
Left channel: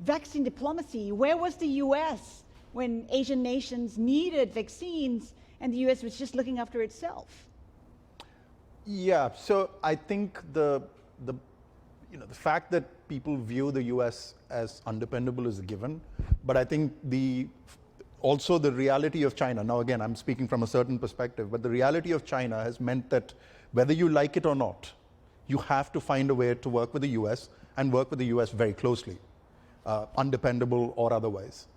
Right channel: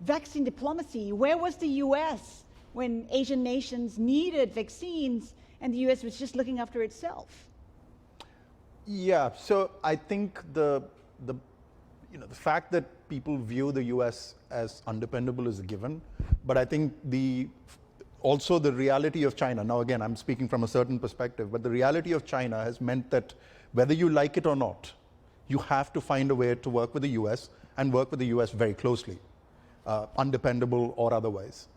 vaccine diplomacy. Where was the U.S. when Asian nations needed vaccines and the U.S. was just looking after itself? Yeah, so I think the fact that people view the U.S. as undependable is a given, but I think also the reality of China, now again, I'm speaking from a certain perspective, but the reality of China has meant that whether you like it or not, you have to find a way to work with the U.S. and work with the U.S. very closely, undependable or otherwise.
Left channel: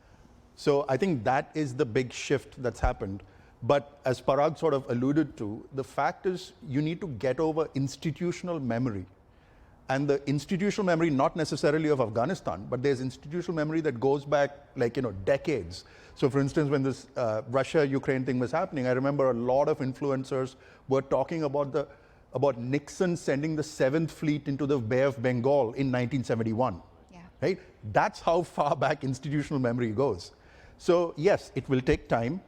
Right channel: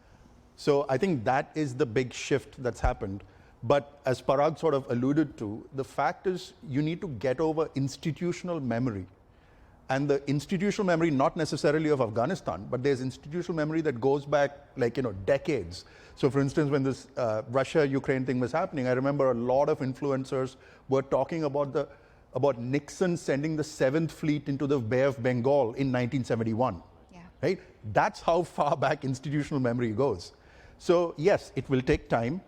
So I think that is the big shift that's happened. But as Parag sort of alluded to, the fact is you need to get over institutional memory. And the institutional memory, not necessarily of Afghanistan, but there's institutional memory that goes back decades. So for instance, when this Russia-Ukraine thing was happening, I remember a lot of influencers were talking about Nixon sending the 7th Fleet into the Bay of Bengal in 1971. Yeah. Right? That's how far back institutional memory goes. So yes, it will take time,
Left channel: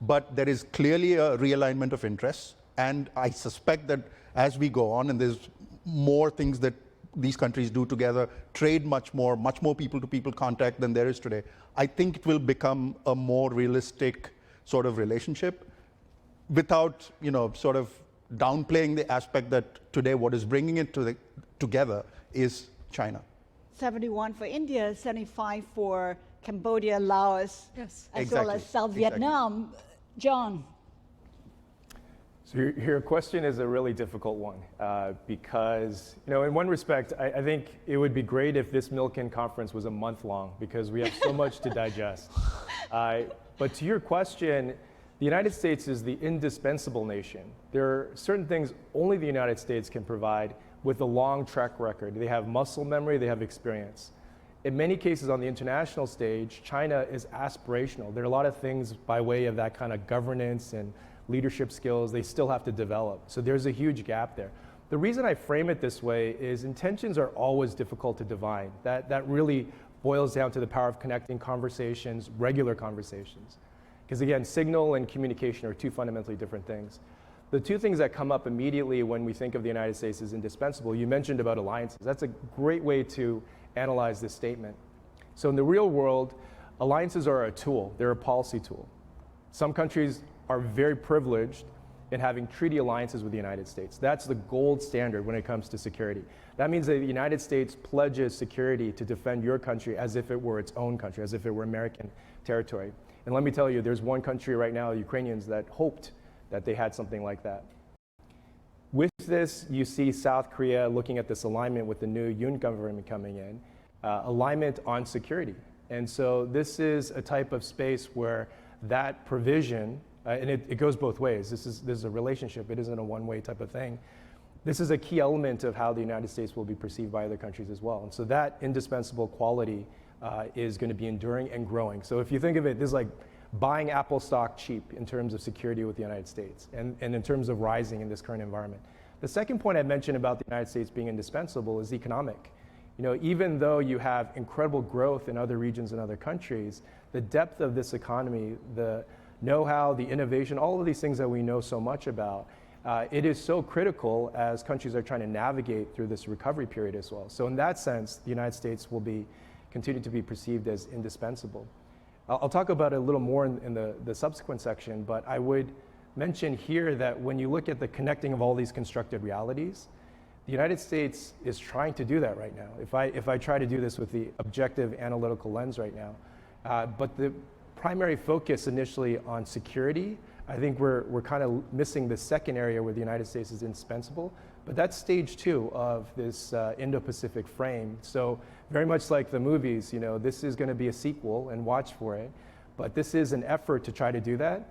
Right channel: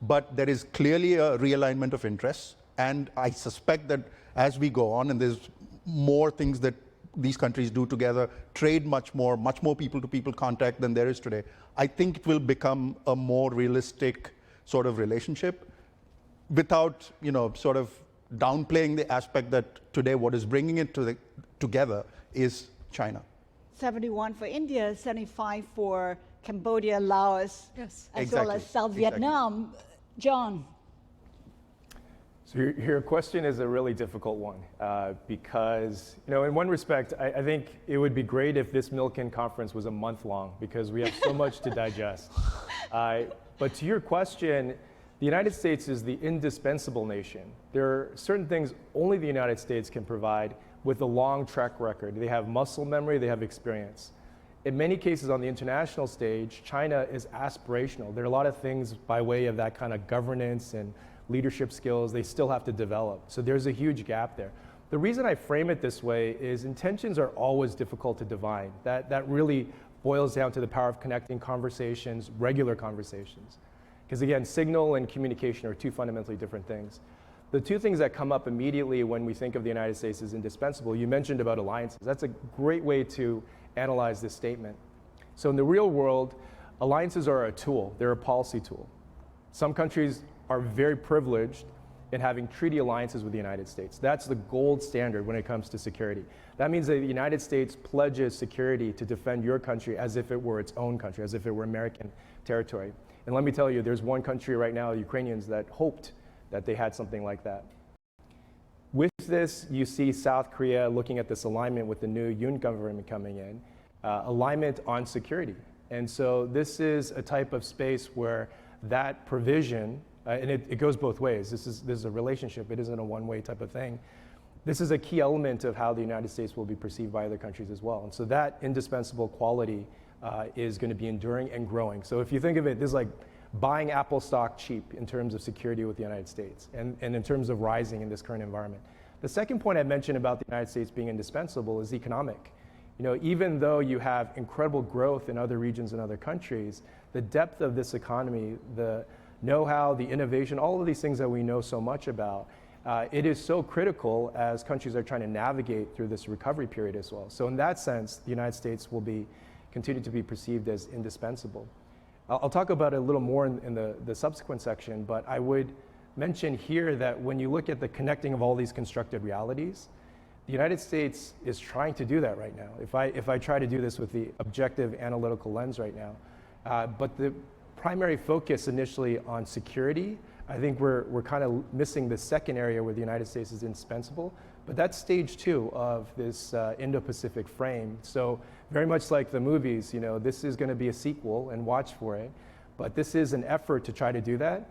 but there is clearly a realignment of interests. And I suspect that as we go on, and there's more things that these countries do together, trade much more people-to-people contact than there is today, I think it will become a more realistic sort of relationship without, sort of downplaying the aspect that today what is bringing it together is China. 71 for India, 75 for Cambodia, Laos, yes, as well as South Vietnam. John. So your question is a really difficult one because, in one respect, I think it would be great if this Milken conference was a month long because we have so much to digest. But to your question, the United States is the indispensable nation. There are certain things only the United States can provide with a long track record. They have muscle memory, they have experience. In many cases on the international stage, China is aspirational. There are a lot of things by way of that kind of governance and leadership skills they still have to develop. So there's a huge gap there. The reason I frame it this way is intentions are always difficult to divine. That really boils down to the power of connecting conversations, regular conversations. Because again, signal and communication are two fundamentally different things. The two things that come up immediately when we think of the United States as indispensable, you mentioned about alliances. That's a great way to analyze this statement. So in the real world, alliances are a tool. They're a policy tool. Some countries are very privileged in having treaty alliances with the United States. That's the gold standard when it comes to security. That means that the United States pledges security to defend your country as if it were its own country, as if it were American territory. And let me tell you, there's one country right now, the Ukrainians, that hoped that they had something like that. With this, you see South Korea looking at this alignment with the new Yoon government coming in, alignment on security. And so this is a type of space where that provision, and it goes both ways. This is a relationship. It isn't a one-way type of thing. This is a key element of how the United States will be perceived by other countries as well. And so that indispensable quality is going to be enduring and growing. So if you think of it, this is like buying Apple stock cheap in terms of security with the United States and in terms of rising in this current environment. The second point I mentioned about the United States being indispensable is economic. Even though you have incredible growth in other regions and other countries, the depth of this economy, the know-how, the innovation, all of these things that we know so much about, it is so critical as countries are trying to navigate through this recovery period as well. So in that sense, the United States will continue to be perceived as indispensable. I'll talk about it a little more in the subsequent section, but I would mention here that when you look at the connecting of all these constructed realities, the United States is trying to do that right now. If I try to do this with the objective analytical lens right now, but the primary focus initially on security, I think we're kind of missing the second area where the United States is indispensable, but that's stage 2 of this Indo-Pacific frame. So very much like the movies, this is going to be a sequel and watch for it, but this is an effort to try to do that.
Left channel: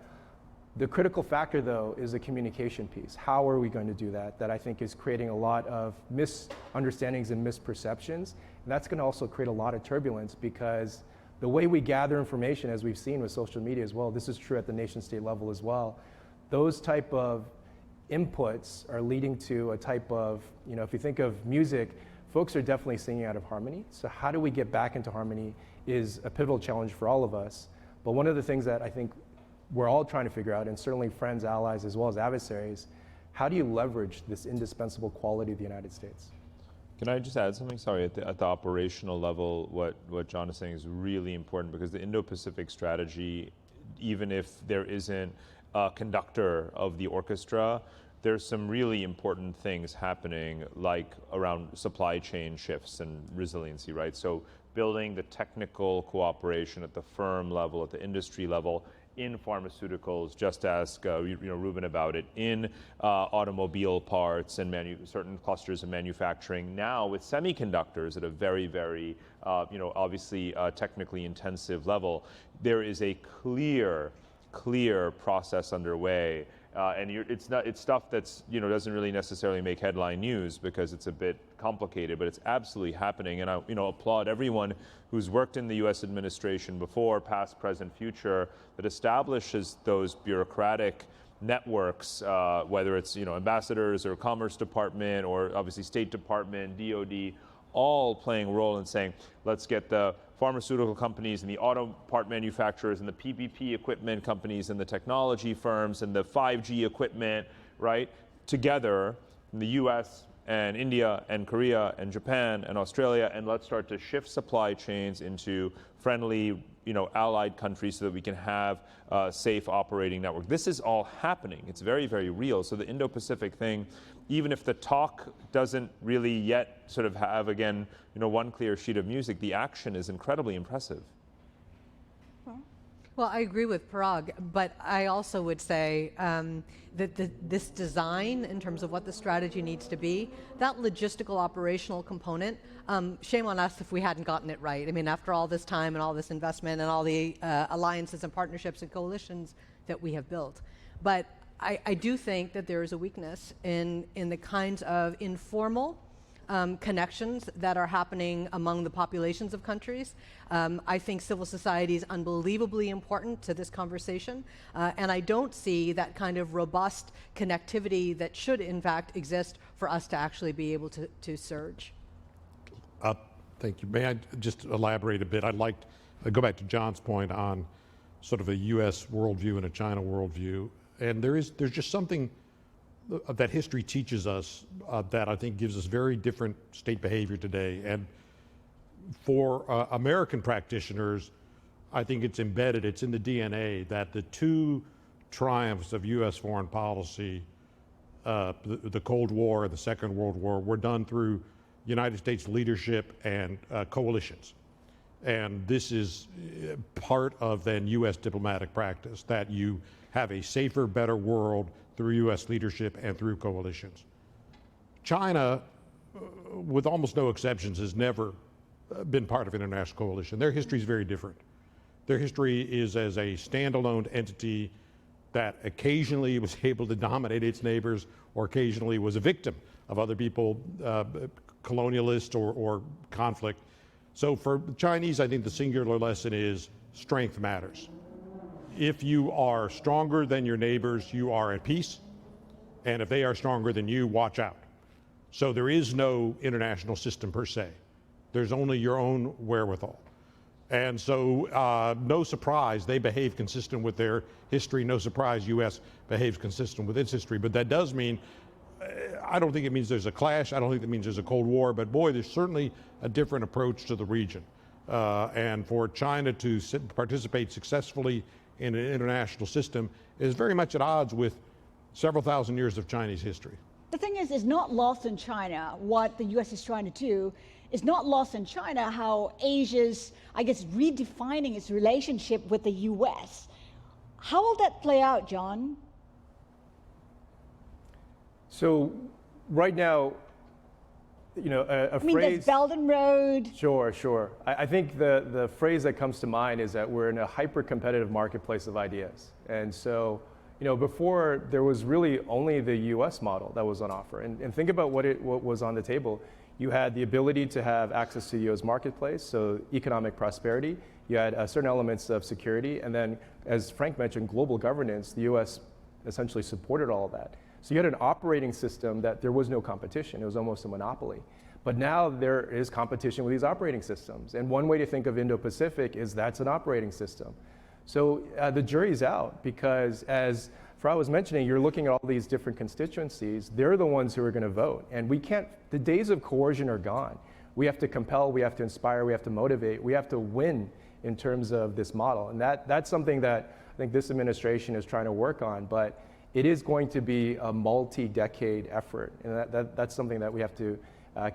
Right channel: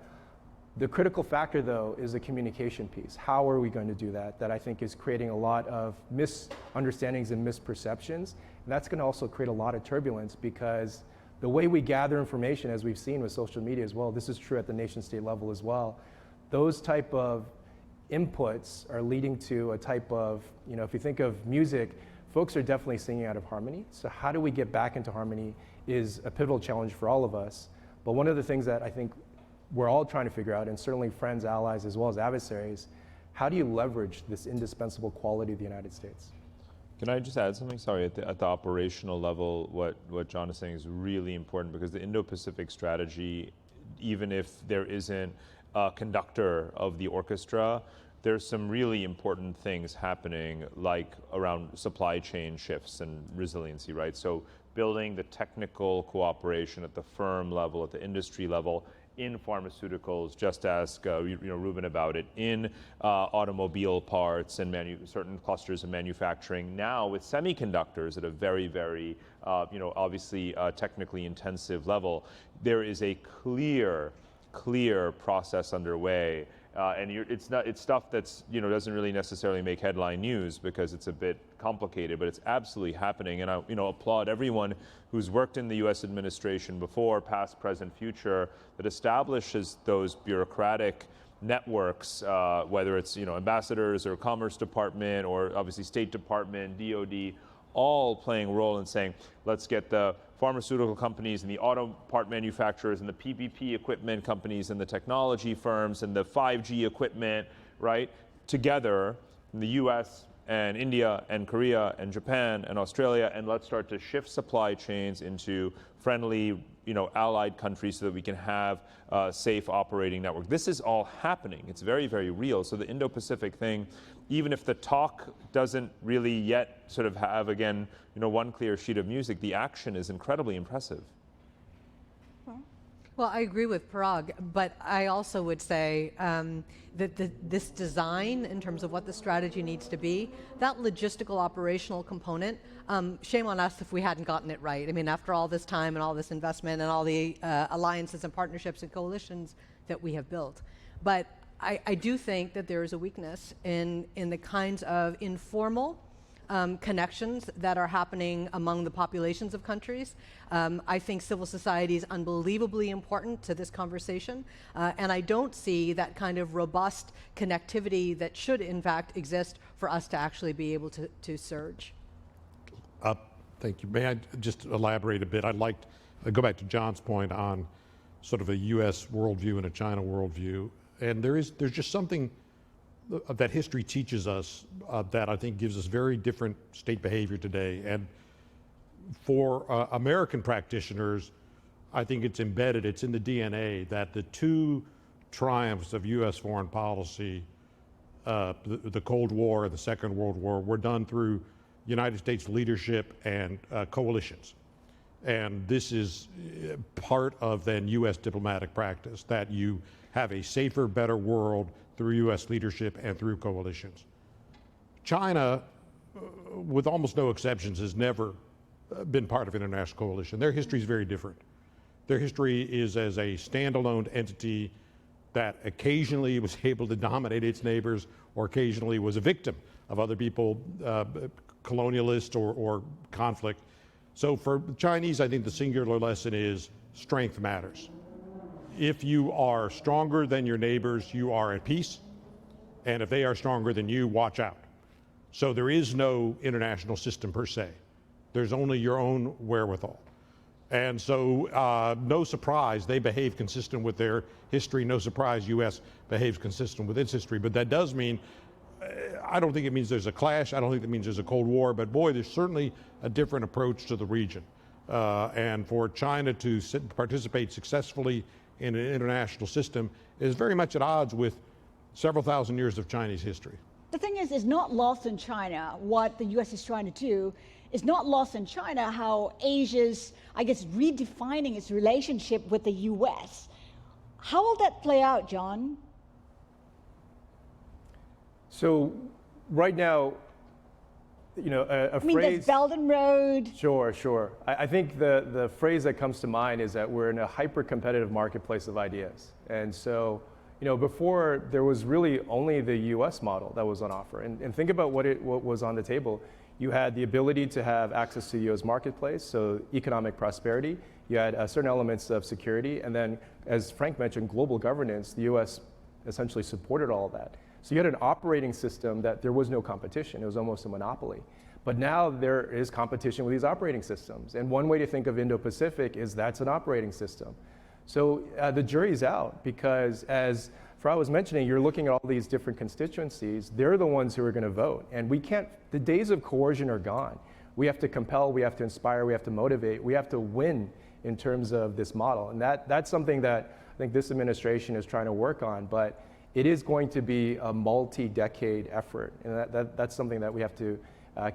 The critical factor, though, is the communication piece. How are we going to do that? That I think is creating a lot of misunderstandings and misperceptions. And that's going to also create a lot of turbulence because the way we gather information, as we've seen with social media as well, this is true at the nation state level as well, those type of inputs are leading to a type of, if you think of music, folks are definitely singing out of harmony. So how do we get back into harmony is a pivotal challenge for all of us. But one of the things that I think we're all trying to figure out, and certainly friends, allies, as well as adversaries, how do you leverage this indispensable quality of the United States? Can I just add something? Sorry, at the operational level, what John is saying is really important, because the Indo-Pacific strategy, even if there isn't a conductor of the orchestra, there's some really important things happening, like around supply chain shifts and resiliency, right? So building the technical cooperation at the firm level, at the industry level, in pharmaceuticals, just ask Ruben about it, in automobile parts and certain clusters of manufacturing. Now with semiconductors at a very, very, obviously technically intensive level, there is a clear process underway. And it's stuff that's doesn't really necessarily make headline news because it's a bit complicated, but it's absolutely happening. And I applaud everyone who's worked in the U.S. administration before, past, present, future, that establishes those bureaucratic networks, whether it's ambassadors or Commerce Department or obviously State Department, DoD, all playing a role in saying, let's get the pharmaceutical companies and the auto part manufacturers and the PPP equipment companies and the technology firms and the 5G equipment, right, together in the US and India and Korea and Japan and Australia, and let's start to shift supply chains into friendly, allied countries so that we can have a safe operating network. This is all happening. It's very, very real. So the Indo-Pacific thing, even if the talk doesn't really yet sort of have, again, one clear sheet of music, the action is incredibly impressive. Well, I agree with Parag, but I also would say that this design, in terms of what the strategy needs to be, that logistical operational component, shame on us if we hadn't gotten it right. I mean, after all this time and all this investment and all the alliances and partnerships and coalitions that we have built. But I do think that there is a weakness in the kinds of informal connections that are happening among the populations of countries. I think civil society is unbelievably important to this conversation, and I don't see that kind of robust connectivity that should in fact exist for us to actually be able to surge. Thank you. May I just elaborate a bit? I'd like to go back to John's point on sort of a U.S. worldview and a China worldview. And there's just something that history teaches us that I think gives us very different state behavior today. And for American practitioners, I think it's embedded, it's in the DNA that the two triumphs of U.S. foreign policy, the Cold War and the Second World War, were done through United States leadership and coalitions. And this is part of then U.S. diplomatic practice, that you have a safer, better world through U.S. leadership and through coalitions. China, with almost no exceptions, has never been part of an international coalition. Their history is very different. Their history is as a standalone entity that occasionally was able to dominate its neighbors or occasionally was a victim of other people, colonialist or conflict. So for the Chinese, I think the singular lesson is strength matters. If you are stronger than your neighbors, you are at peace. And if they are stronger than you, watch out. So there is no international system per se. There's only your own wherewithal. And so no surprise, they behave consistent with their history. No surprise, U.S. behaves consistent with its history. But that does mean, I don't think it means there's a clash. I don't think it means there's a Cold War. But boy, there's certainly a different approach to the region. And for China to participate successfully in an international system is very much at odds with several thousand years of Chinese history. The thing is, it's not lost in China what the U.S. is trying to do. It's not lost in China how Asia's, I guess, redefining its relationship with the U.S. How will that play out, John? So right now, a mean, phrase. there's Belt and Road. Sure. I think the phrase that comes to mind is that we're in a hyper-competitive marketplace of ideas. And so, before there was really only the U.S. model that was on offer. And think about what was on the table. You had the ability to have access to the U.S. marketplace, so economic prosperity. You had certain elements of security. And then, as Frank mentioned, global governance, the U.S. essentially supported all of that. So you had an operating system that there was no competition. It was almost a monopoly. But now there is competition with these operating systems. And one way to think of Indo-Pacific is that's an operating system. So the jury's out, because as Farad was mentioning, you're looking at all these different constituencies. They're the ones who are going to vote. And we can't, the days of coercion are gone. We have to compel, we have to inspire, we have to motivate, we have to win in terms of this model. And that's something that I think this administration is trying to work on. But it is going to be a multi-decade effort. And that's something that we have to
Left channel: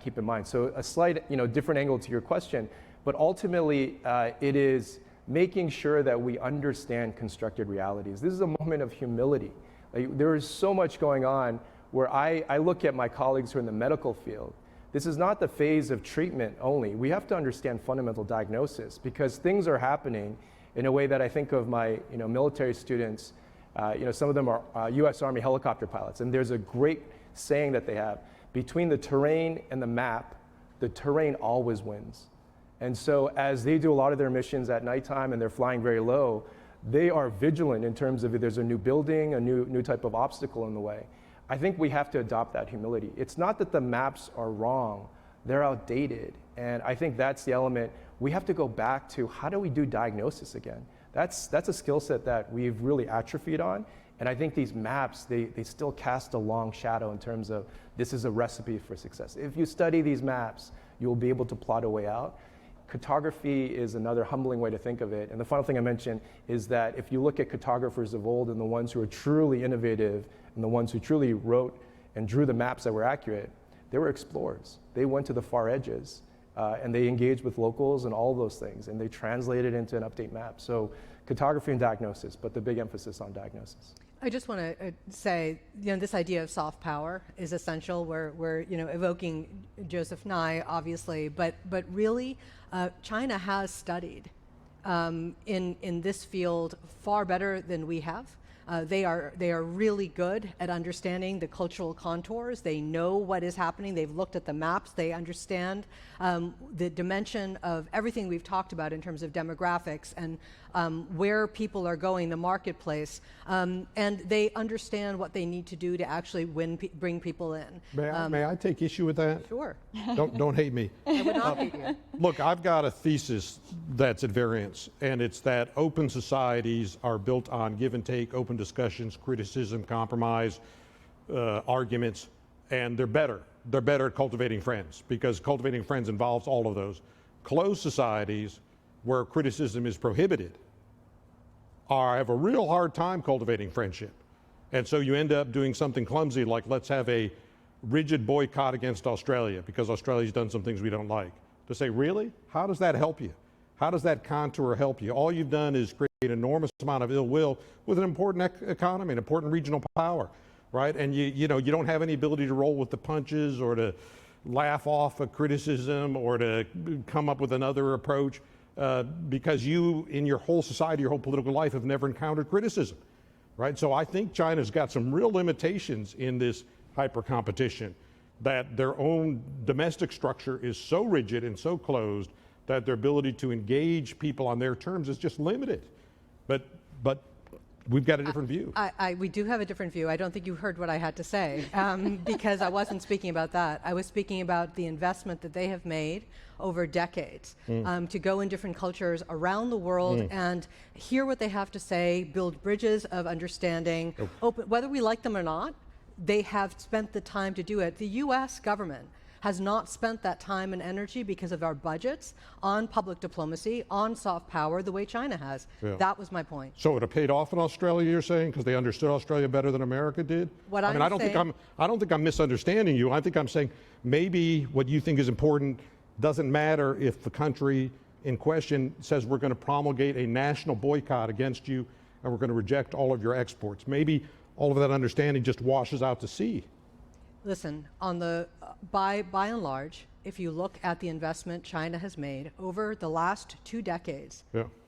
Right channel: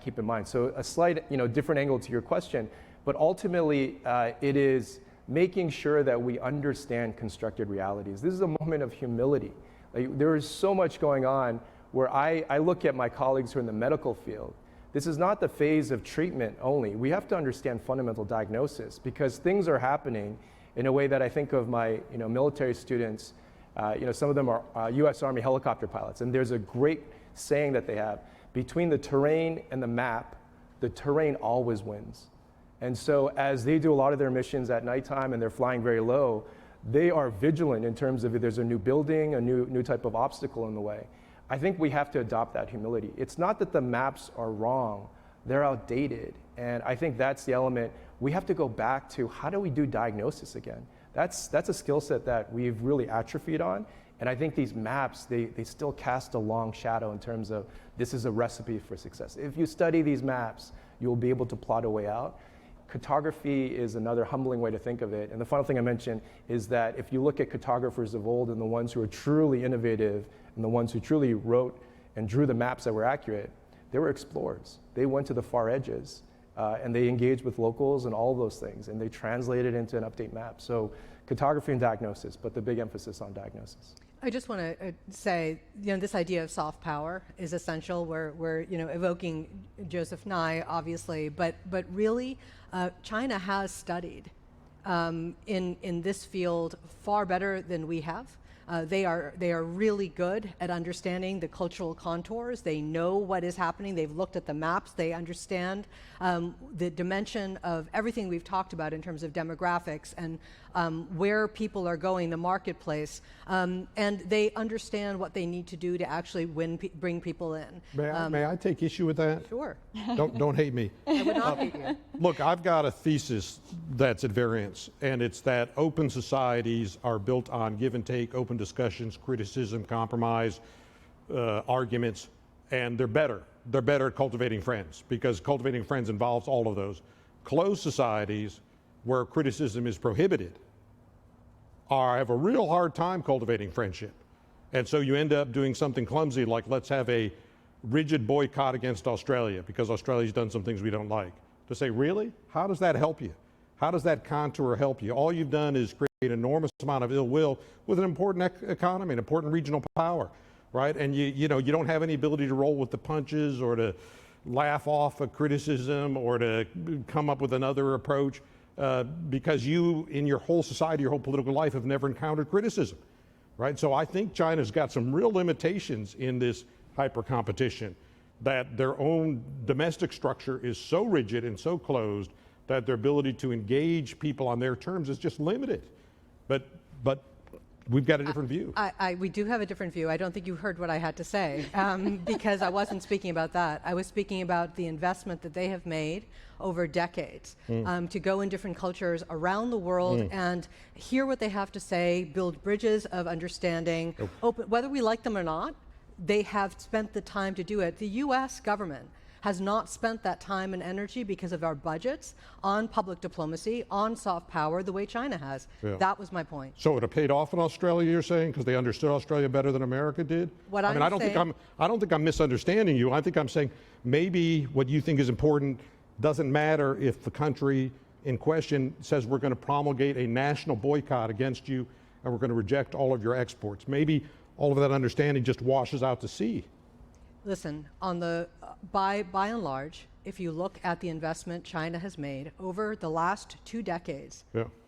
keep in mind. So a slight, different angle to your question, but ultimately it is making sure that we understand constructed realities. This is a moment of humility. There is so much going on where I look at my colleagues who are in the medical field. This is not the phase of treatment only. We have to understand fundamental diagnosis because things are happening in a way that I think of my military students. Some of them are U.S. Army helicopter pilots, and there's a great saying that they have: between the terrain and the map, the terrain always wins. And so as they do a lot of their missions at nighttime and they're flying very low, they are vigilant in terms of if there's a new building, a new type of obstacle in the way. I think we have to adopt that humility. It's not that the maps are wrong, they're outdated. And I think that's the element. We have to go back to how do we do diagnosis again? That's a skill set that we've really atrophied on. And I think these maps, they still cast a long shadow in terms of this is a recipe for success. If you study these maps, you'll be able to plot a way out. Cartography is another humbling way to think of it. And the final thing I mentioned is that if you look at cartographers of old and the ones who are truly innovative and the ones who truly wrote and drew the maps that were accurate, they were explorers. They went to the far edges and they engaged with locals and all those things, and they translated into an update map. So cartography and diagnosis, but the big emphasis on diagnosis. I just want to say, this idea of soft power is essential. We're evoking Joseph Nye, obviously, but really, China has studied in this field far better than we have. They are really good at understanding the cultural contours. They know what is happening. They've looked at the maps. They understand the dimension of everything we've talked about in terms of demographics and where people are going, the marketplace, and they understand what they need to do to actually bring people in. May I take issue with that? Sure. Don't hate me. I would not hate you. Look, I've got a thesis that's at variance, and it's that open societies are built on give and take, open discussions, criticism, compromise, arguments, and they're better. They're better at cultivating friends because cultivating friends involves all of those. Closed societies where criticism is prohibited have a real hard time cultivating friendship. And so you end up doing something clumsy like let's have a rigid boycott against Australia because Australia's done some things we don't like. To say, really? How does that help you? How does that contour help you? All you've done is create an enormous amount of ill will with an important economy, an important regional power, right? And you don't have any ability to roll with the punches or to laugh off a criticism or to come up with another approach. Because you, in your whole society, your whole political life, have never encountered criticism, right? So I think China's got some real limitations in this hyper competition, that their own domestic structure is so rigid and so closed that their ability to engage people on their terms is just limited. But we've got a different view. We do have a different view. I don't think you heard what I had to say because I wasn't speaking about that. I was speaking about the investment that they have made over decades to go in different cultures around the world and hear what they have to say, build bridges of understanding, open, whether we like them or not. They have spent the time to do it. The U.S. government has not spent that time and energy because of our budgets on public diplomacy, on soft power, the way China has. Yeah. That was my point. So it paid off in Australia, you're saying, because they understood Australia better than America did? I don't think I'm misunderstanding you. I think I'm saying maybe what you think is important doesn't matter if the country in question says we're going to promulgate a national boycott against you and we're going to reject all of your exports. Maybe all of that understanding just washes out to sea. Listen, on the by and large, if you look at the investment China has made over the last 2 decades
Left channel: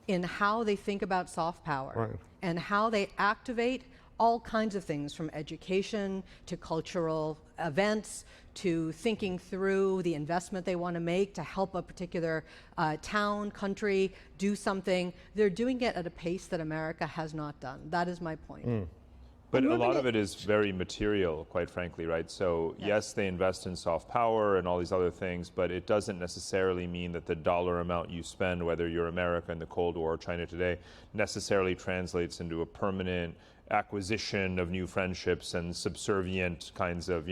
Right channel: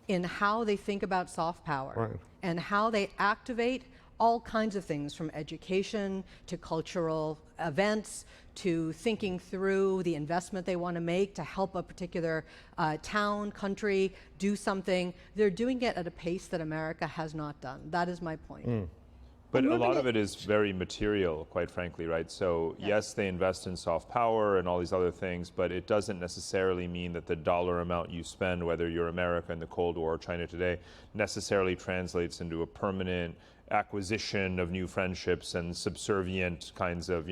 in how they think about soft power and how they activate all kinds of things from education to cultural events to thinking through the investment they want to make to help a particular town, country do something, they're doing it at a pace that America has not done. That is my point. But a lot of it is very material, quite frankly, right? So yes, they invest in soft power and all these other things, but it doesn't necessarily mean that the dollar amount you spend, whether you're America in the Cold War or China today, necessarily translates into a permanent acquisition of new friendships and subservient kinds of,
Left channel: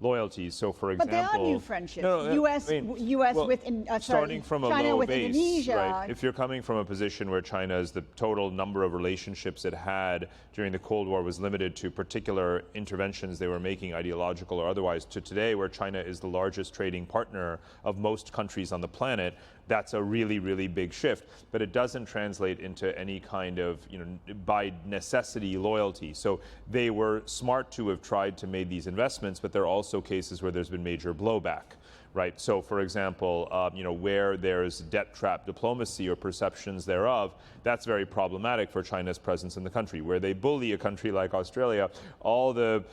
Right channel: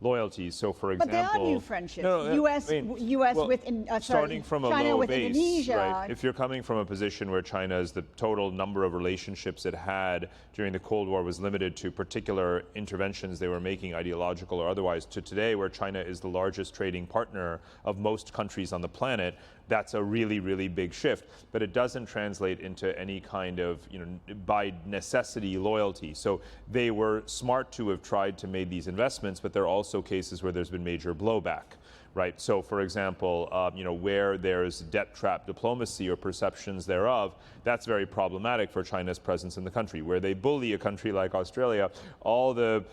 loyalties. So, for But example, there are new friendships. U.S. well, with starting from a China low with base, Indonesia. right? If you're coming from a position where China's the total number of relationships it had during the Cold War was limited to particular interventions they were making, ideological or otherwise, to today where China is the largest trading partner of most countries on the planet, that's a really, really big shift. But it doesn't translate into any kind of, by necessity loyalty. So they were smart to have tried to make these investments, but there are also cases where there's been major blowback. Right. So, for example, where there's debt trap diplomacy or perceptions thereof, that's very problematic for China's presence in the country. Where they bully a country like Australia, all the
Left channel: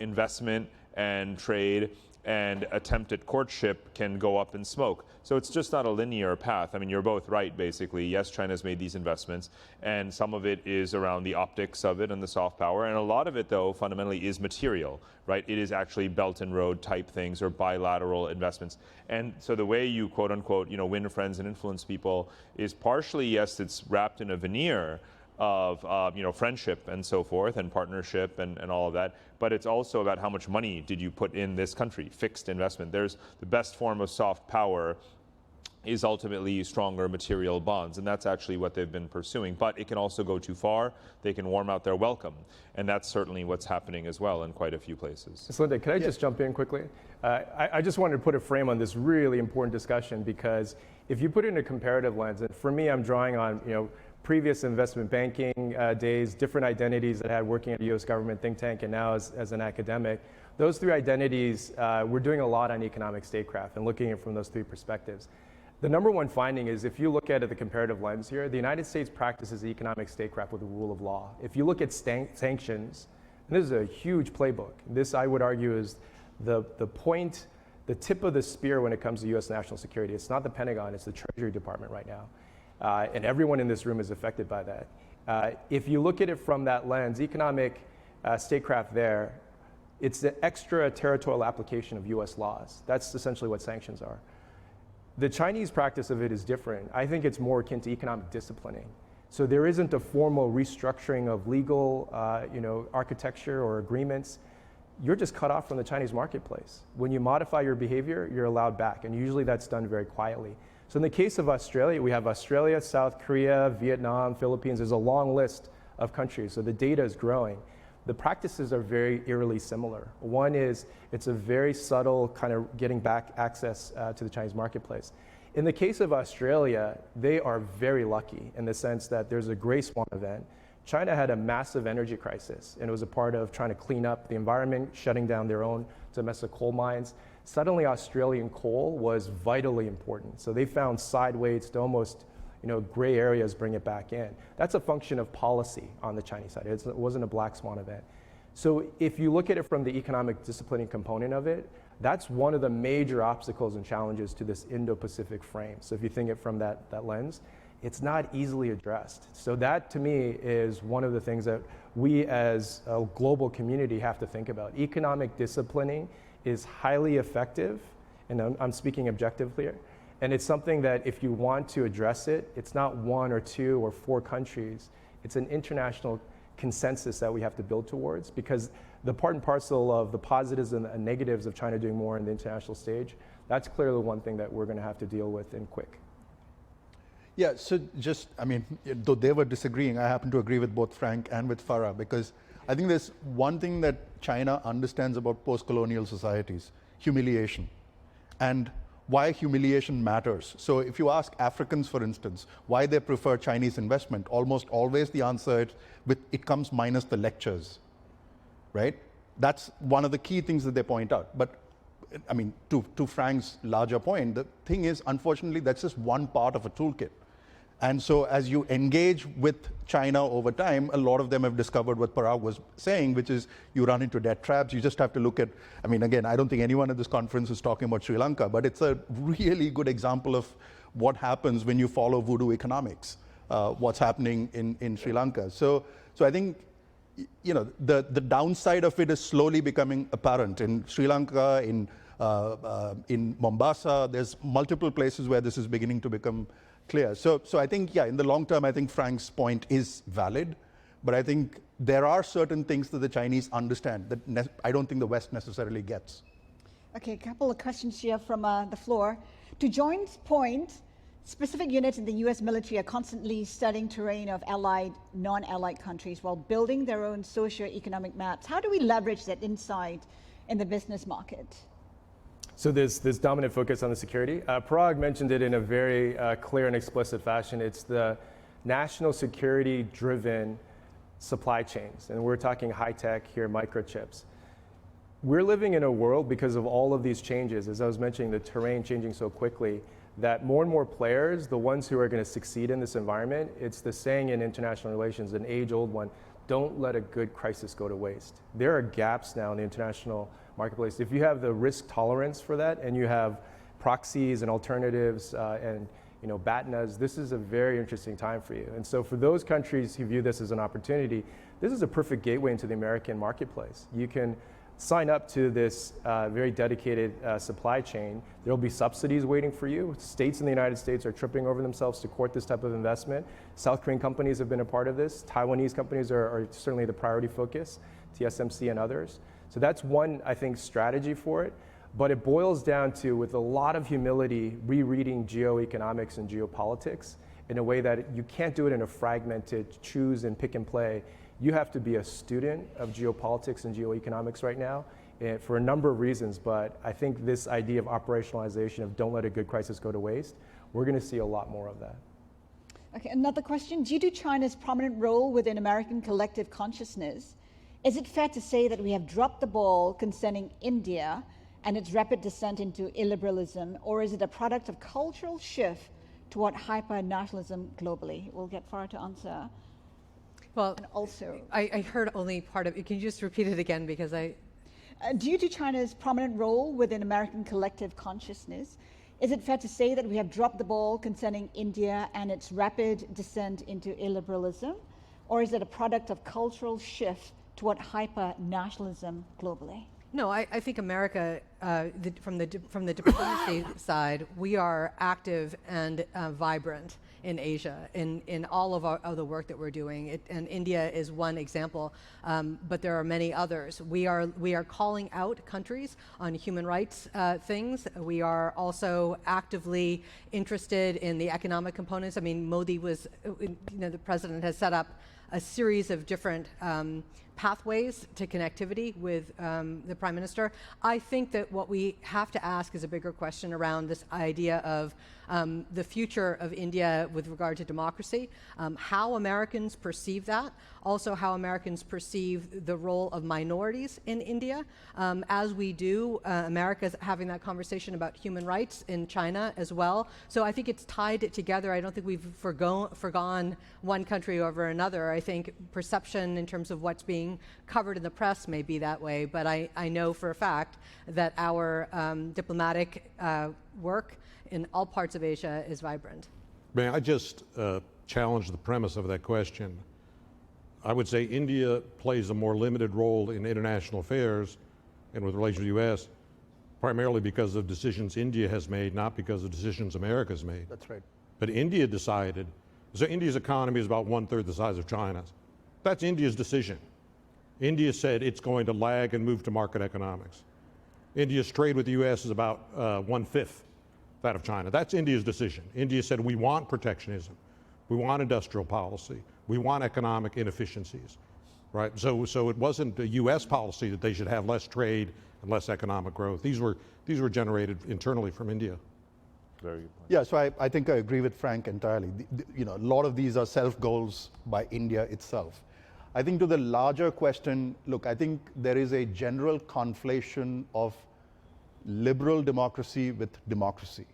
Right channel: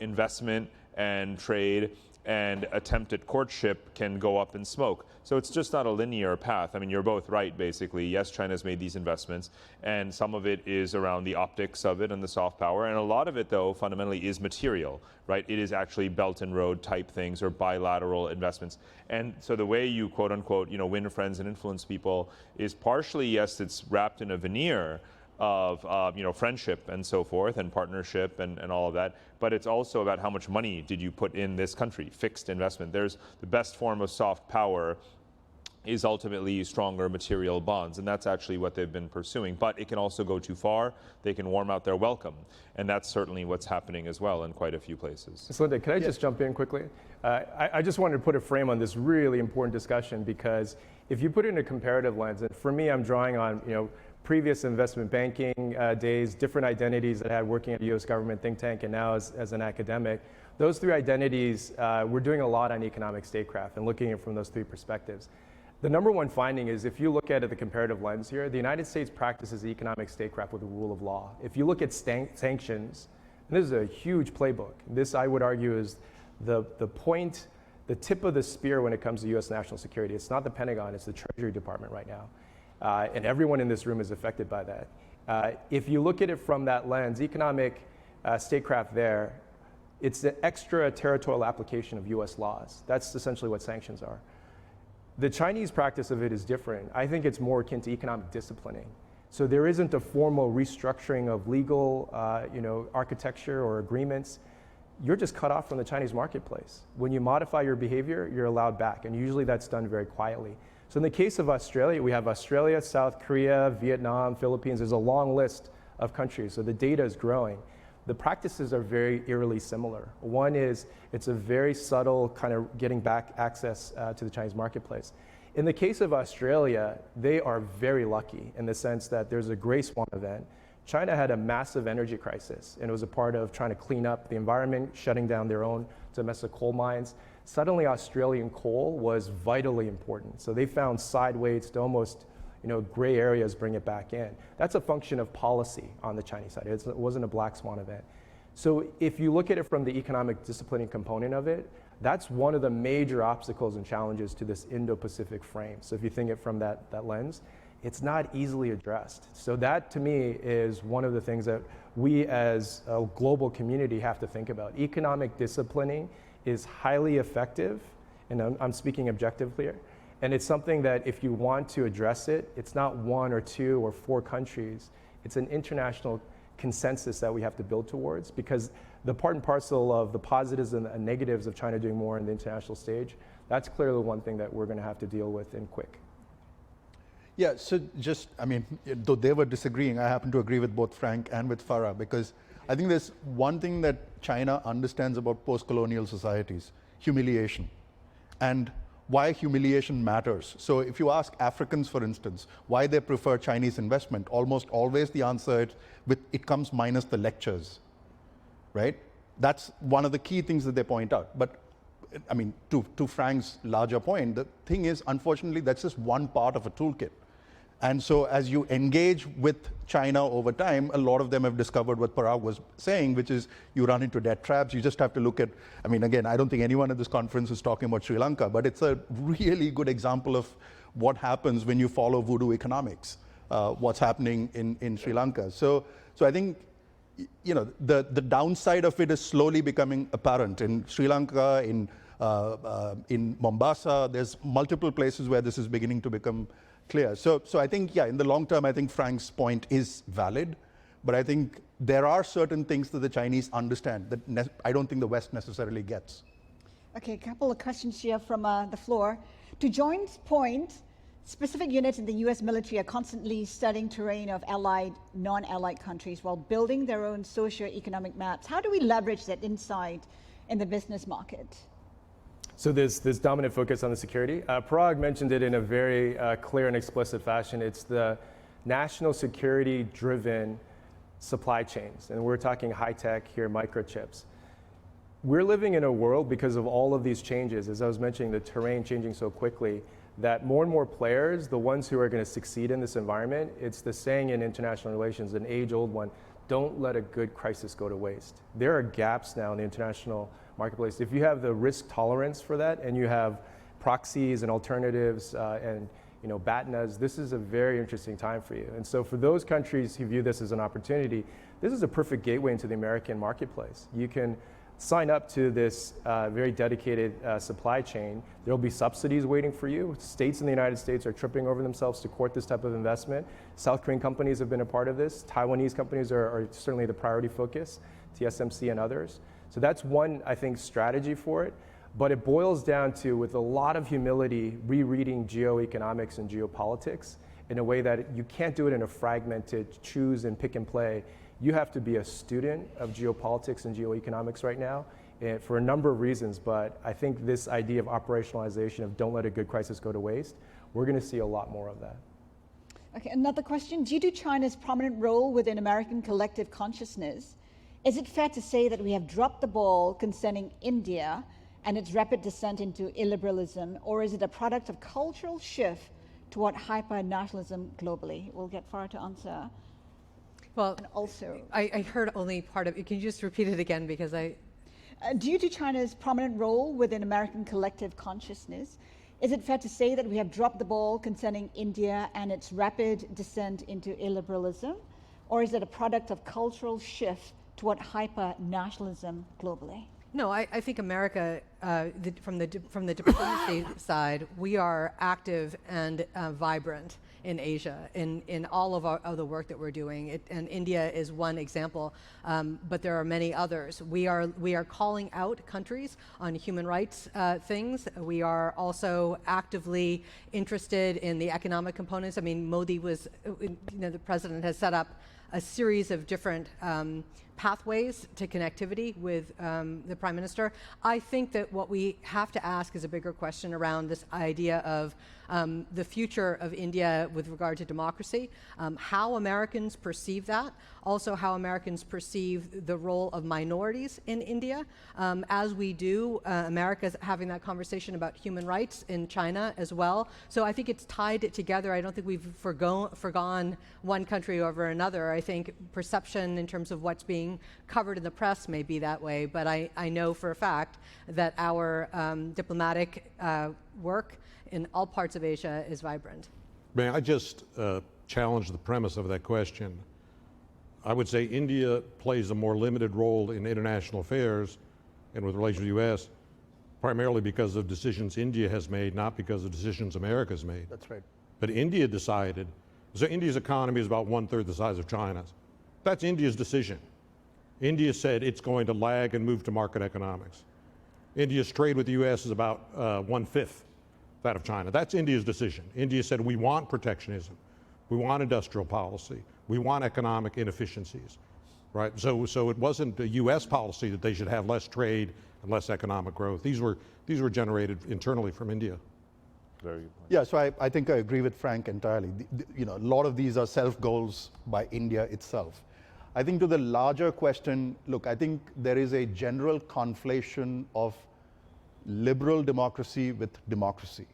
investment and trade and attempt at courtship can go up in smoke. So it's just not a linear path. I mean, you're both right, basically. Yes, China's made these investments, and some of it is around the optics of it and the soft power, and a lot of it, though, fundamentally is material, right? It is actually Belt and Road type things or bilateral investments. And so the way you, quote unquote, win friends and influence people is partially, yes, it's wrapped in a veneer of friendship and so forth and partnership and all of that, but it's also about how much money did you put in this country, fixed investment. There's the best form of soft power is ultimately stronger material bonds, and that's actually what they've been pursuing. But it can also go too far. They can warm out their welcome, and that's certainly what's happening as well in quite a few places. Linda, can I just jump in quickly? I just wanted to put a frame on this really important discussion, because if you put it in a comparative lens, and for me, I'm drawing on previous investment banking days, different identities that I had working at a U.S. government think tank, and now as an academic. Those three identities, we're doing a lot on economic statecraft and looking at it from those three perspectives. The number one finding is, if you look at it the comparative lens here, the United States practices economic statecraft with the rule of law. If you look at sanctions, and this is a huge playbook. This, I would argue, is the point, the tip of the spear when it comes to U.S. national security. It's not the Pentagon, it's the Treasury Department right now. And everyone in this room is affected by that. If you look at it from that lens, economic statecraft there, it's the extraterritorial application of U.S. laws. That's essentially what sanctions are. The Chinese practice of it is different. I think it's more akin to economic disciplining. So there isn't a formal restructuring of legal architecture or agreements. You're just cut off from the Chinese marketplace. When you modify your behavior, you're allowed back, and usually that's done very quietly. So in the case of Australia, we have Australia, South Korea, Vietnam, Philippines. There's a long list of countries, so the data is growing. The practices are very eerily similar. One is, it's a very subtle kind of getting back access to the Chinese marketplace. In the case of Australia, they are very lucky in the sense that there's a gray swan event. China had a massive energy crisis, and it was a part of trying to clean up the environment, shutting down their own domestic coal mines. Suddenly, Australian coal was vitally important. So they found side weights to almost gray areas, bring it back in. That's a function of policy on the Chinese side. It wasn't a black swan event. So if you look at it from the economic disciplining component of it, that's one of the major obstacles and challenges to this Indo-Pacific frame. So if you think it from that lens, it's not easily addressed. So that, to me, is one of the things that we as a global community have to think about. Economic disciplining is highly effective, and I'm speaking objectively here. And it's something that if you want to address it, it's not one or two or four countries. It's an international consensus that we have to build towards, because the part and parcel of the positives and the negatives of China doing more in the international stage, that's clearly one thing that we're going to have to deal with in quick. Yeah, so though they were disagreeing, I happen to agree with both Frank and with Farah, because I think there's one thing that China understands about post-colonial societies: humiliation. And why humiliation matters. So if you ask Africans, for instance, why they prefer Chinese investment, almost always the answer is it comes minus the lectures, right? That's one of the key things that they point out. But to Frank's larger point, the thing is, unfortunately, that's just one part of a toolkit. And so as you engage with China over time, a lot of them have discovered what Parag was saying, which is you run into debt traps. You just have to look at, again, I don't think anyone at this conference is talking about Sri Lanka, but it's a really good example of what happens when you follow voodoo economics, what's happening in Sri Lanka. So I think, the downside of it is slowly becoming apparent. In Sri Lanka, in Mombasa, there's multiple places where this is beginning to become clear. So I think, in the long term, I think Frank's point is valid, But I think there are certain things that the Chinese understand that I don't think the West necessarily gets. Okay, a couple of questions here from the floor. To John's point, specific units in the U.S. military are constantly studying terrain of allied, non-allied countries while building their own socio-economic maps. How do we leverage that insight in the business market? So this dominant focus on the security, Parag mentioned it in a very clear and explicit fashion. It's the national security-driven supply chains, and we're talking high-tech here, microchips. We're living in a world, because of all of these changes, as I was mentioning, the terrain changing so quickly, that more and more players, the ones who are going to succeed in this environment, it's the saying in international relations, an age-old one, don't let a good crisis go to waste. There are gaps now in the international marketplace. If you have the risk tolerance for that, and you have proxies and alternatives and BATNAs, this is a very interesting time for you. And so for those countries who view this as an opportunity, this is a perfect gateway into the American marketplace. You can sign up to this very dedicated supply chain. There'll be subsidies waiting for you. States in the United States are tripping over themselves to court this type of investment. South Korean companies have been a part of this. Taiwanese companies are certainly the priority focus, TSMC and others. So that's one, I think, strategy for it. But it boils down to, with a lot of humility, rereading geoeconomics and geopolitics in a way that you can't do it in a fragmented choose and pick and play. You have to be a student of geopolitics and geoeconomics right now, and for a number of reasons. But I think this idea of operationalization of don't let a good crisis go to waste, we're going to see a lot more of that. Okay, another question. Due to China's prominent role within American collective consciousness, is it fair to say that we have dropped the ball concerning India and its rapid descent into illiberalism, or is it a product of cultural shift toward hyper-nationalism globally? We'll get Farah to answer. Well, and also, I heard only part of it. Can you just repeat it again, because due to China's prominent role within American collective consciousness, is it fair to say that we have dropped the ball concerning India and its rapid descent into illiberalism, or is it a product of cultural shift toward hyper-nationalism globally? No, I think America, from the diplomacy side, we are active and vibrant in Asia, in all of the work that we're doing. And India is one example, but there are many others. We are calling out countries on human rights things. We are also actively interested in the economic components. I mean, Modi was, the president has set up a series of different pathways to connectivity with the Prime Minister. I think that what we have to ask is a bigger question around this idea of the future of India with regard to democracy, how Americans perceive that, also how Americans perceive the role of minorities in India. As we do, America's having that conversation about human rights in China as well. So I think it's tied together. I don't think we've forgone one country over another. I think perception in terms of what's being covered in the press may be that way, but I know for a fact that our diplomatic work in all parts of Asia is vibrant. May I just challenge the premise of that question? I would say India plays a more limited role in international affairs and with relation to the U.S. primarily because of decisions India has made, not because of decisions America's made. That's right. But India decided, so India's economy is about 1/3 the size of China's. That's India's decision. India said it's going to lag and move to market economics. India's trade with the U.S. is about 1/5 that of China. That's India's decision. India said we want protectionism, we want industrial policy, we want economic inefficiencies, right? So it wasn't a U.S. policy that they should have less trade and less economic growth. These were generated internally from India. Very good point. Yeah, so I think I agree with Frank entirely. A lot of these are self-goals by India itself. I think to the larger question, look, I think there is a general conflation of liberal democracy with democracy.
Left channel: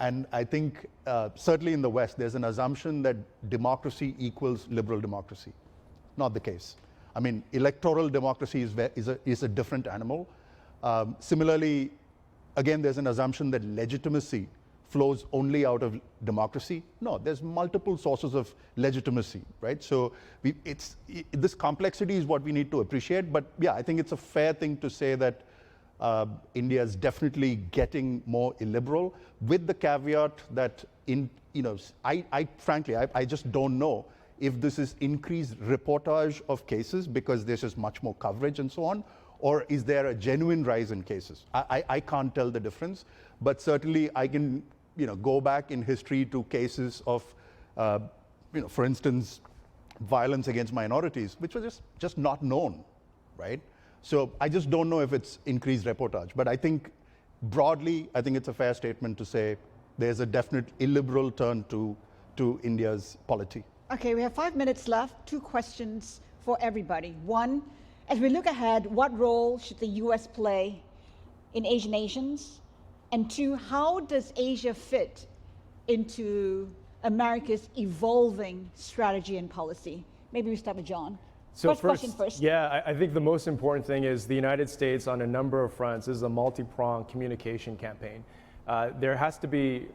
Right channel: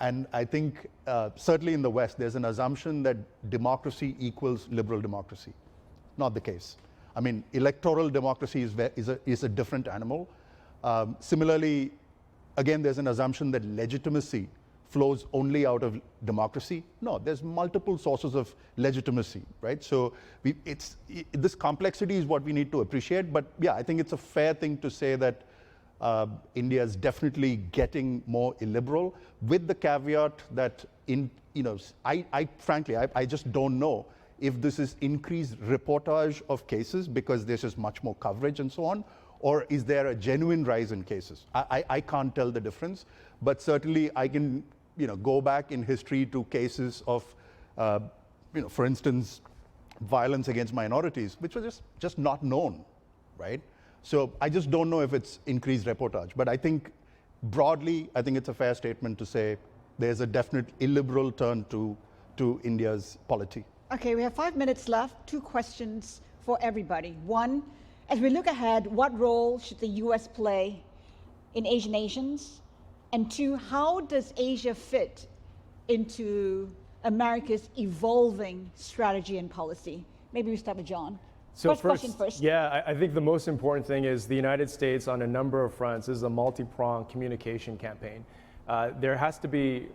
And I think certainly in the West, there's an assumption that democracy equals liberal democracy. Not the case. I mean, electoral democracy is a different animal. Similarly, again, there's an assumption that legitimacy flows only out of democracy. No, there's multiple sources of legitimacy, right? So this complexity is what we need to appreciate. But yeah, I think it's a fair thing to say that India is definitely getting more illiberal, with the caveat that frankly, I just don't know if this is increased reportage of cases because there's just much more coverage and so on, or is there a genuine rise in cases? I can't tell the difference, but certainly I can go back in history to cases of, for instance, violence against minorities, which was just not known, right? So I just don't know if it's increased reportage, but I think broadly, I think it's a fair statement to say there's a definite illiberal turn to India's polity. Okay, we have 5 minutes left. 2 questions for everybody. One, as we look ahead, what role should the US play in Asian nations? And 2, how does Asia fit into America's evolving strategy and policy? Maybe we start with John. So question first. Yeah, I think the most important thing is the United States on a number of fronts is a multi-pronged communication campaign. There has to be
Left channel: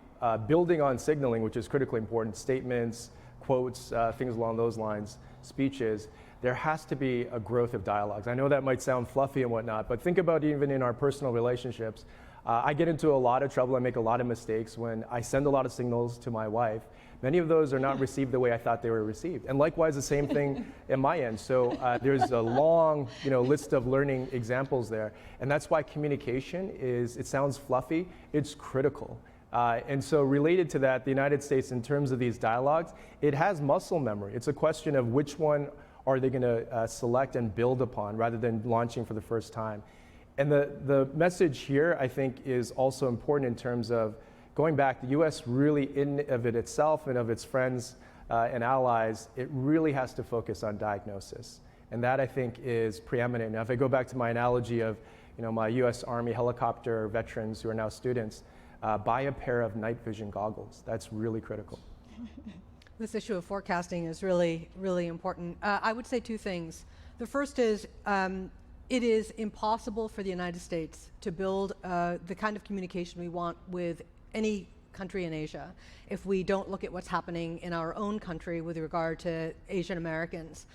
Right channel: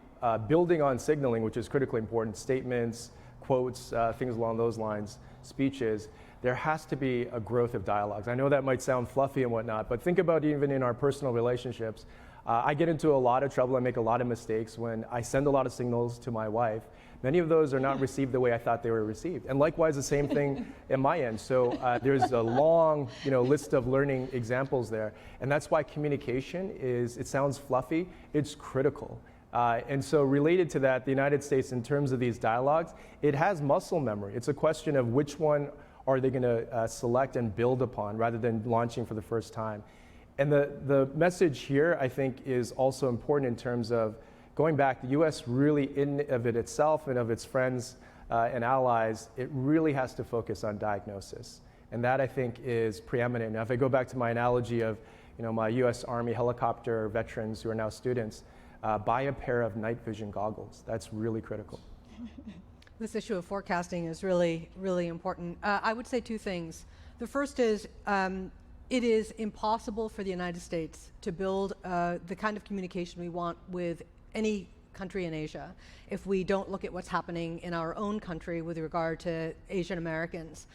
building on signaling, which is critically important, statements, quotes, things along those lines, speeches. There has to be a growth of dialogues. I know that might sound fluffy and whatnot, but think about even in our personal relationships. I get into a lot of trouble, I make a lot of mistakes when I send a lot of signals to my wife. Many of those are not received the way I thought they were received. And likewise, the same thing at my end. So there's a long list of learning examples there. And that's why communication it sounds fluffy, it's critical. And so related to that, the United States, in terms of these dialogues, it has muscle memory. It's a question of which one are they going to select and build upon rather than launching for the first time. And the message here, I think, is also important in terms of going back, the U.S. really, of it itself and of its friends and allies, it really has to focus on diagnosis. And that, I think, is preeminent. Now, if I go back to my analogy of my U.S. Army helicopter veterans who are now students, buy a pair of night vision goggles. That's really critical. This issue of forecasting is really, really important. I would say 2 things. The first is it is impossible for the United States to build the kind of communication we want with any country in Asia if we don't look at what's happening in our own country with regard to Asian Americans,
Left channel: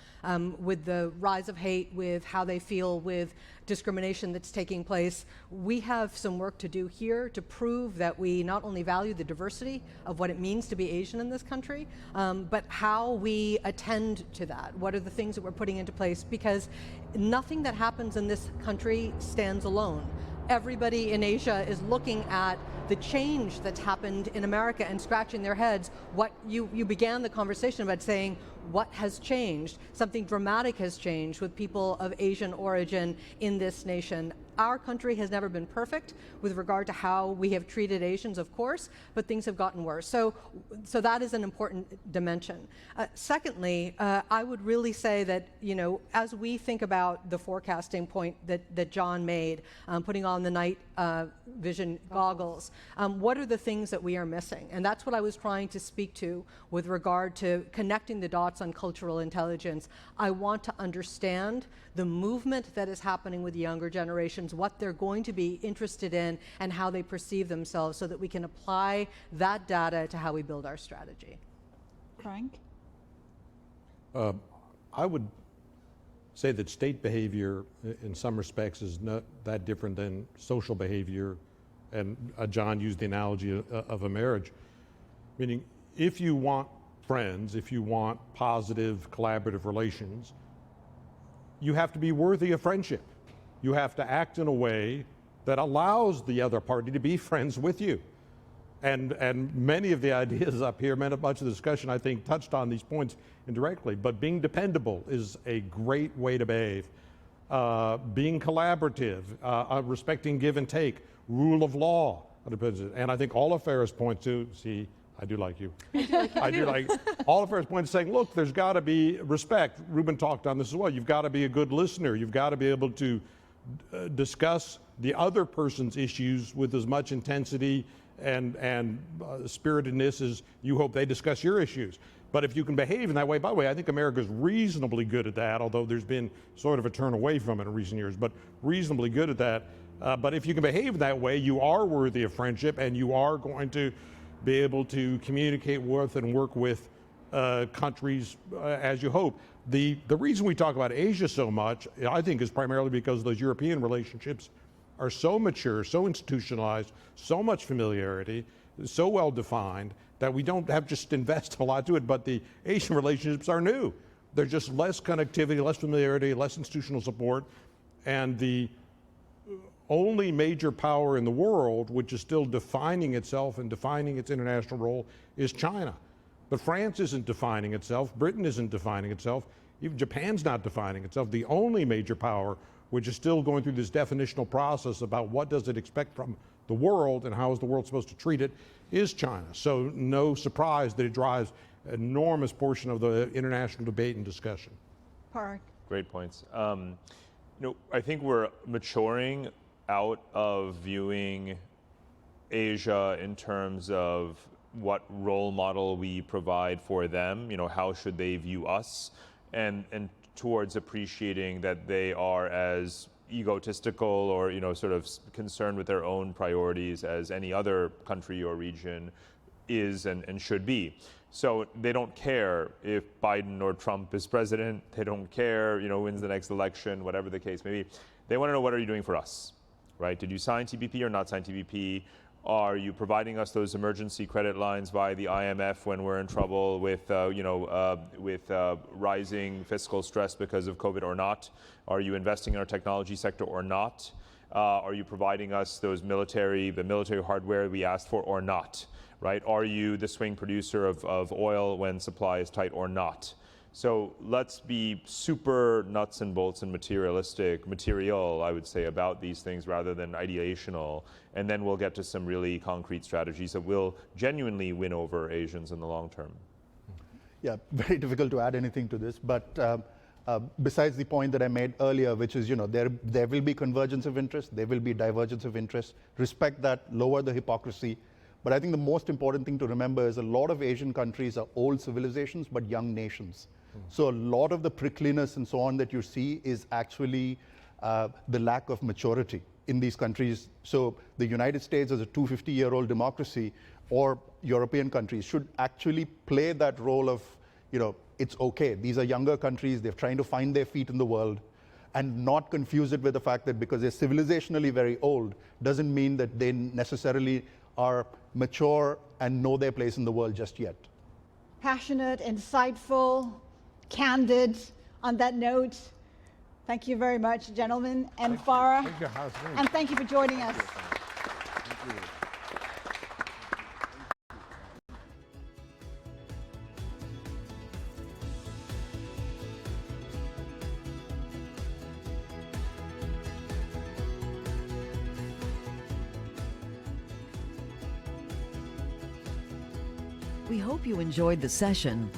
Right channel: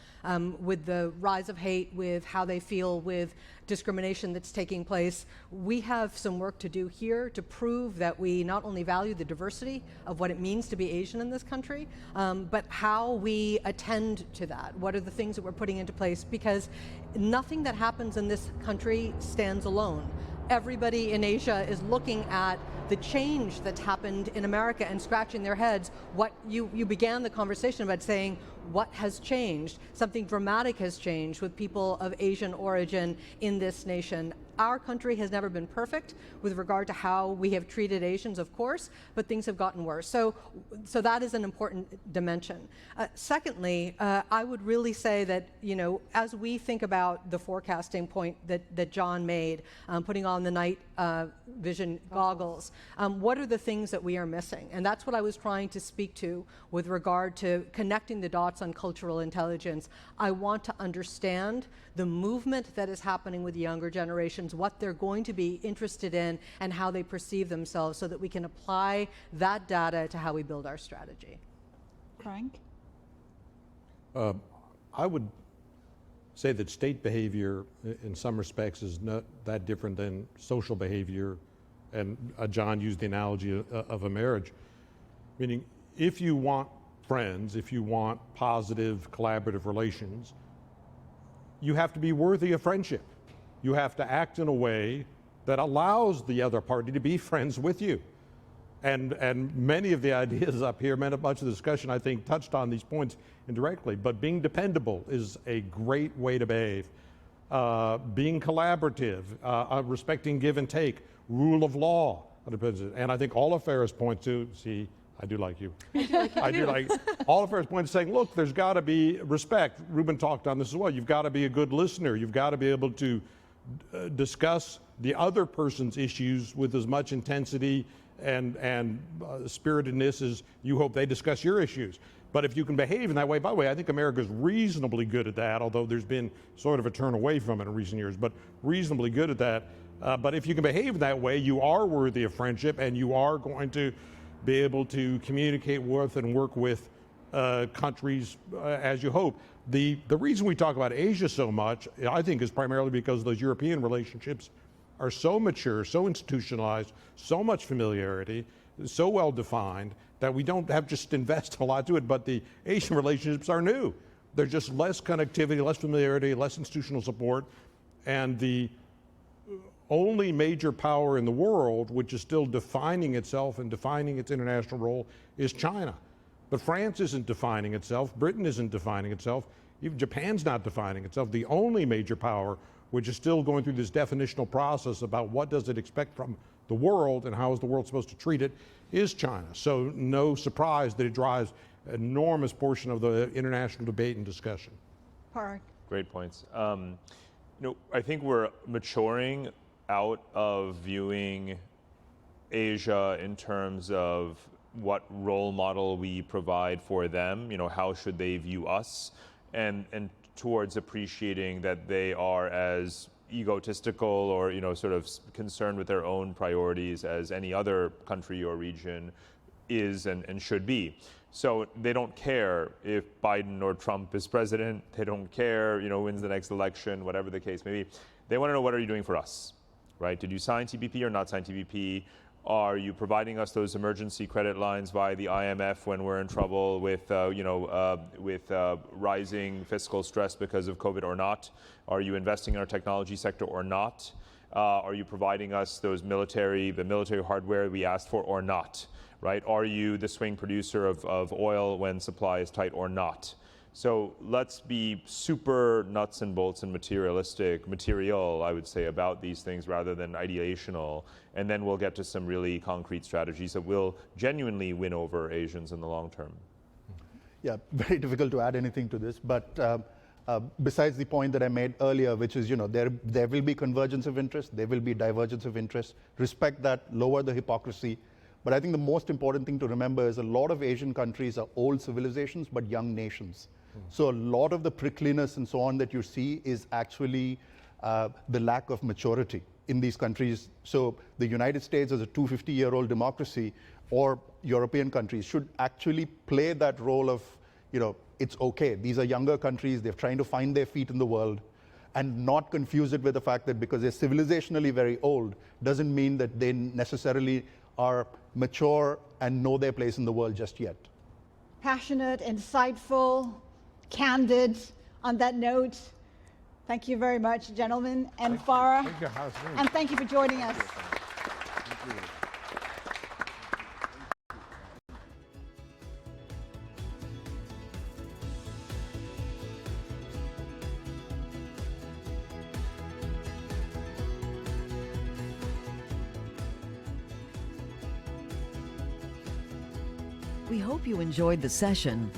with the rise of hate, with how they feel, with discrimination that's taking place. We have some work to do here to prove that we not only value the diversity of what it means to be Asian in this country, but how we attend to that. What are the things that we're putting into place? Because nothing that happens in this country stands alone. Everybody in Asia is looking at the change that's happened in America and scratching their heads. What you began the conversation about saying, what has changed? Something dramatic has changed with people of Asian origin in this nation. Our country has never been perfect with regard to how we have treated Asians, of course, but things have gotten worse. So that is an important dimension. Secondly, I would really say that, as we think about the forecasting point that John made, putting on the night vision goggles, what are the things that we are missing? And that's what I was trying to speak to with regard to connecting the dots on cultural intelligence. I want to understand the movement that is happening with the younger generations, what they're going to be interested in, and how they perceive themselves so that we can apply that data to how we build our strategy. Frank? I would say that state behavior in some respects is not that different than social behavior, and John used the analogy of a marriage, meaning if you want friends, if you want positive collaborative relations, you have to be worthy of friendship. You have to act in a way that allows the other party to be friends with you. And many of the ideas up here, much of the discussion, I think, touched on these points indirectly. But being dependable is a great way to behave. Being collaborative, respecting give and take, rule of law. And I think all affairs point to, see, I do like you. I do like all affairs point to saying, look, there's got to be respect. Ruben talked on this as well. You've got to be a good listener. You've got to be able to discuss the other person's issues with as much intensity and spiritedness as you hope they discuss your issues. But if you can behave in that way, by the way, I think America's reasonably good at that, although there's been sort of a turn away from it in recent years, but reasonably good at that. But if you can behave that way, you are worthy of friendship, and you are going to be able to communicate with and work with countries as you hope. The reason we talk about Asia so much, I think, is primarily because those European relationships are so mature, so institutionalized, so much familiarity, so well defined, that we don't have just invest a lot to it, but the Asian relationships are new. There's just less connectivity, less familiarity, less institutional support, and the only major power in the world which is still defining itself and defining its international role is China. But France isn't defining itself, Britain isn't defining itself, even Japan's not defining itself. The only major power which is still going through this definitional process about what does it expect from the world and how is the world supposed to treat it is China. So no surprise that it drives an enormous portion of the international debate and discussion. Parag. Great points. I think we're maturing out of viewing Asia in terms of what role model we provide for them, how should they view us, and towards appreciating that they are as egotistical or sort of concerned with their own priorities as any other country or region is and should be. So they don't care if Biden or Trump is president. They don't care, who wins the next election, whatever the case may be. They want to know, what are you doing for us, right? Did you sign TPP or not sign TPP? Are you providing us those emergency credit lines via the IMF when we're in trouble with rising fiscal stress because of COVID or not? Are you investing in our technology sector or not? Are you providing us the military hardware we asked for or not? Right? Are you the swing producer of oil when supply is tight or not? So let's be super nuts and bolts and material, I would say, about these things rather than ideational. And then we'll get to some really concrete strategies that will genuinely win over Asians in the long term. Yeah, very difficult to add anything to this, but besides the point that I made earlier, which is, there will be convergence of interest, there will be divergence of interest, respect that, lower the hypocrisy. But I think the most important thing to remember is a lot of Asian countries are old civilizations, but young nations. So a lot of the prickliness and so on that you see is actually the lack of maturity in these countries. So the United States as a 250-year-old democracy, or European countries, should actually play that role of, it's okay. These are younger countries, they're trying to find their feet in the world, and not confuse it with the fact that because they're civilizationally very old, doesn't mean that they necessarily are mature and know their place in the world just yet. Passionate, insightful, candid. On that note, thank you very much, gentlemen, and Farah. Thank you. And thank you for joining us. We hope you enjoyed the session.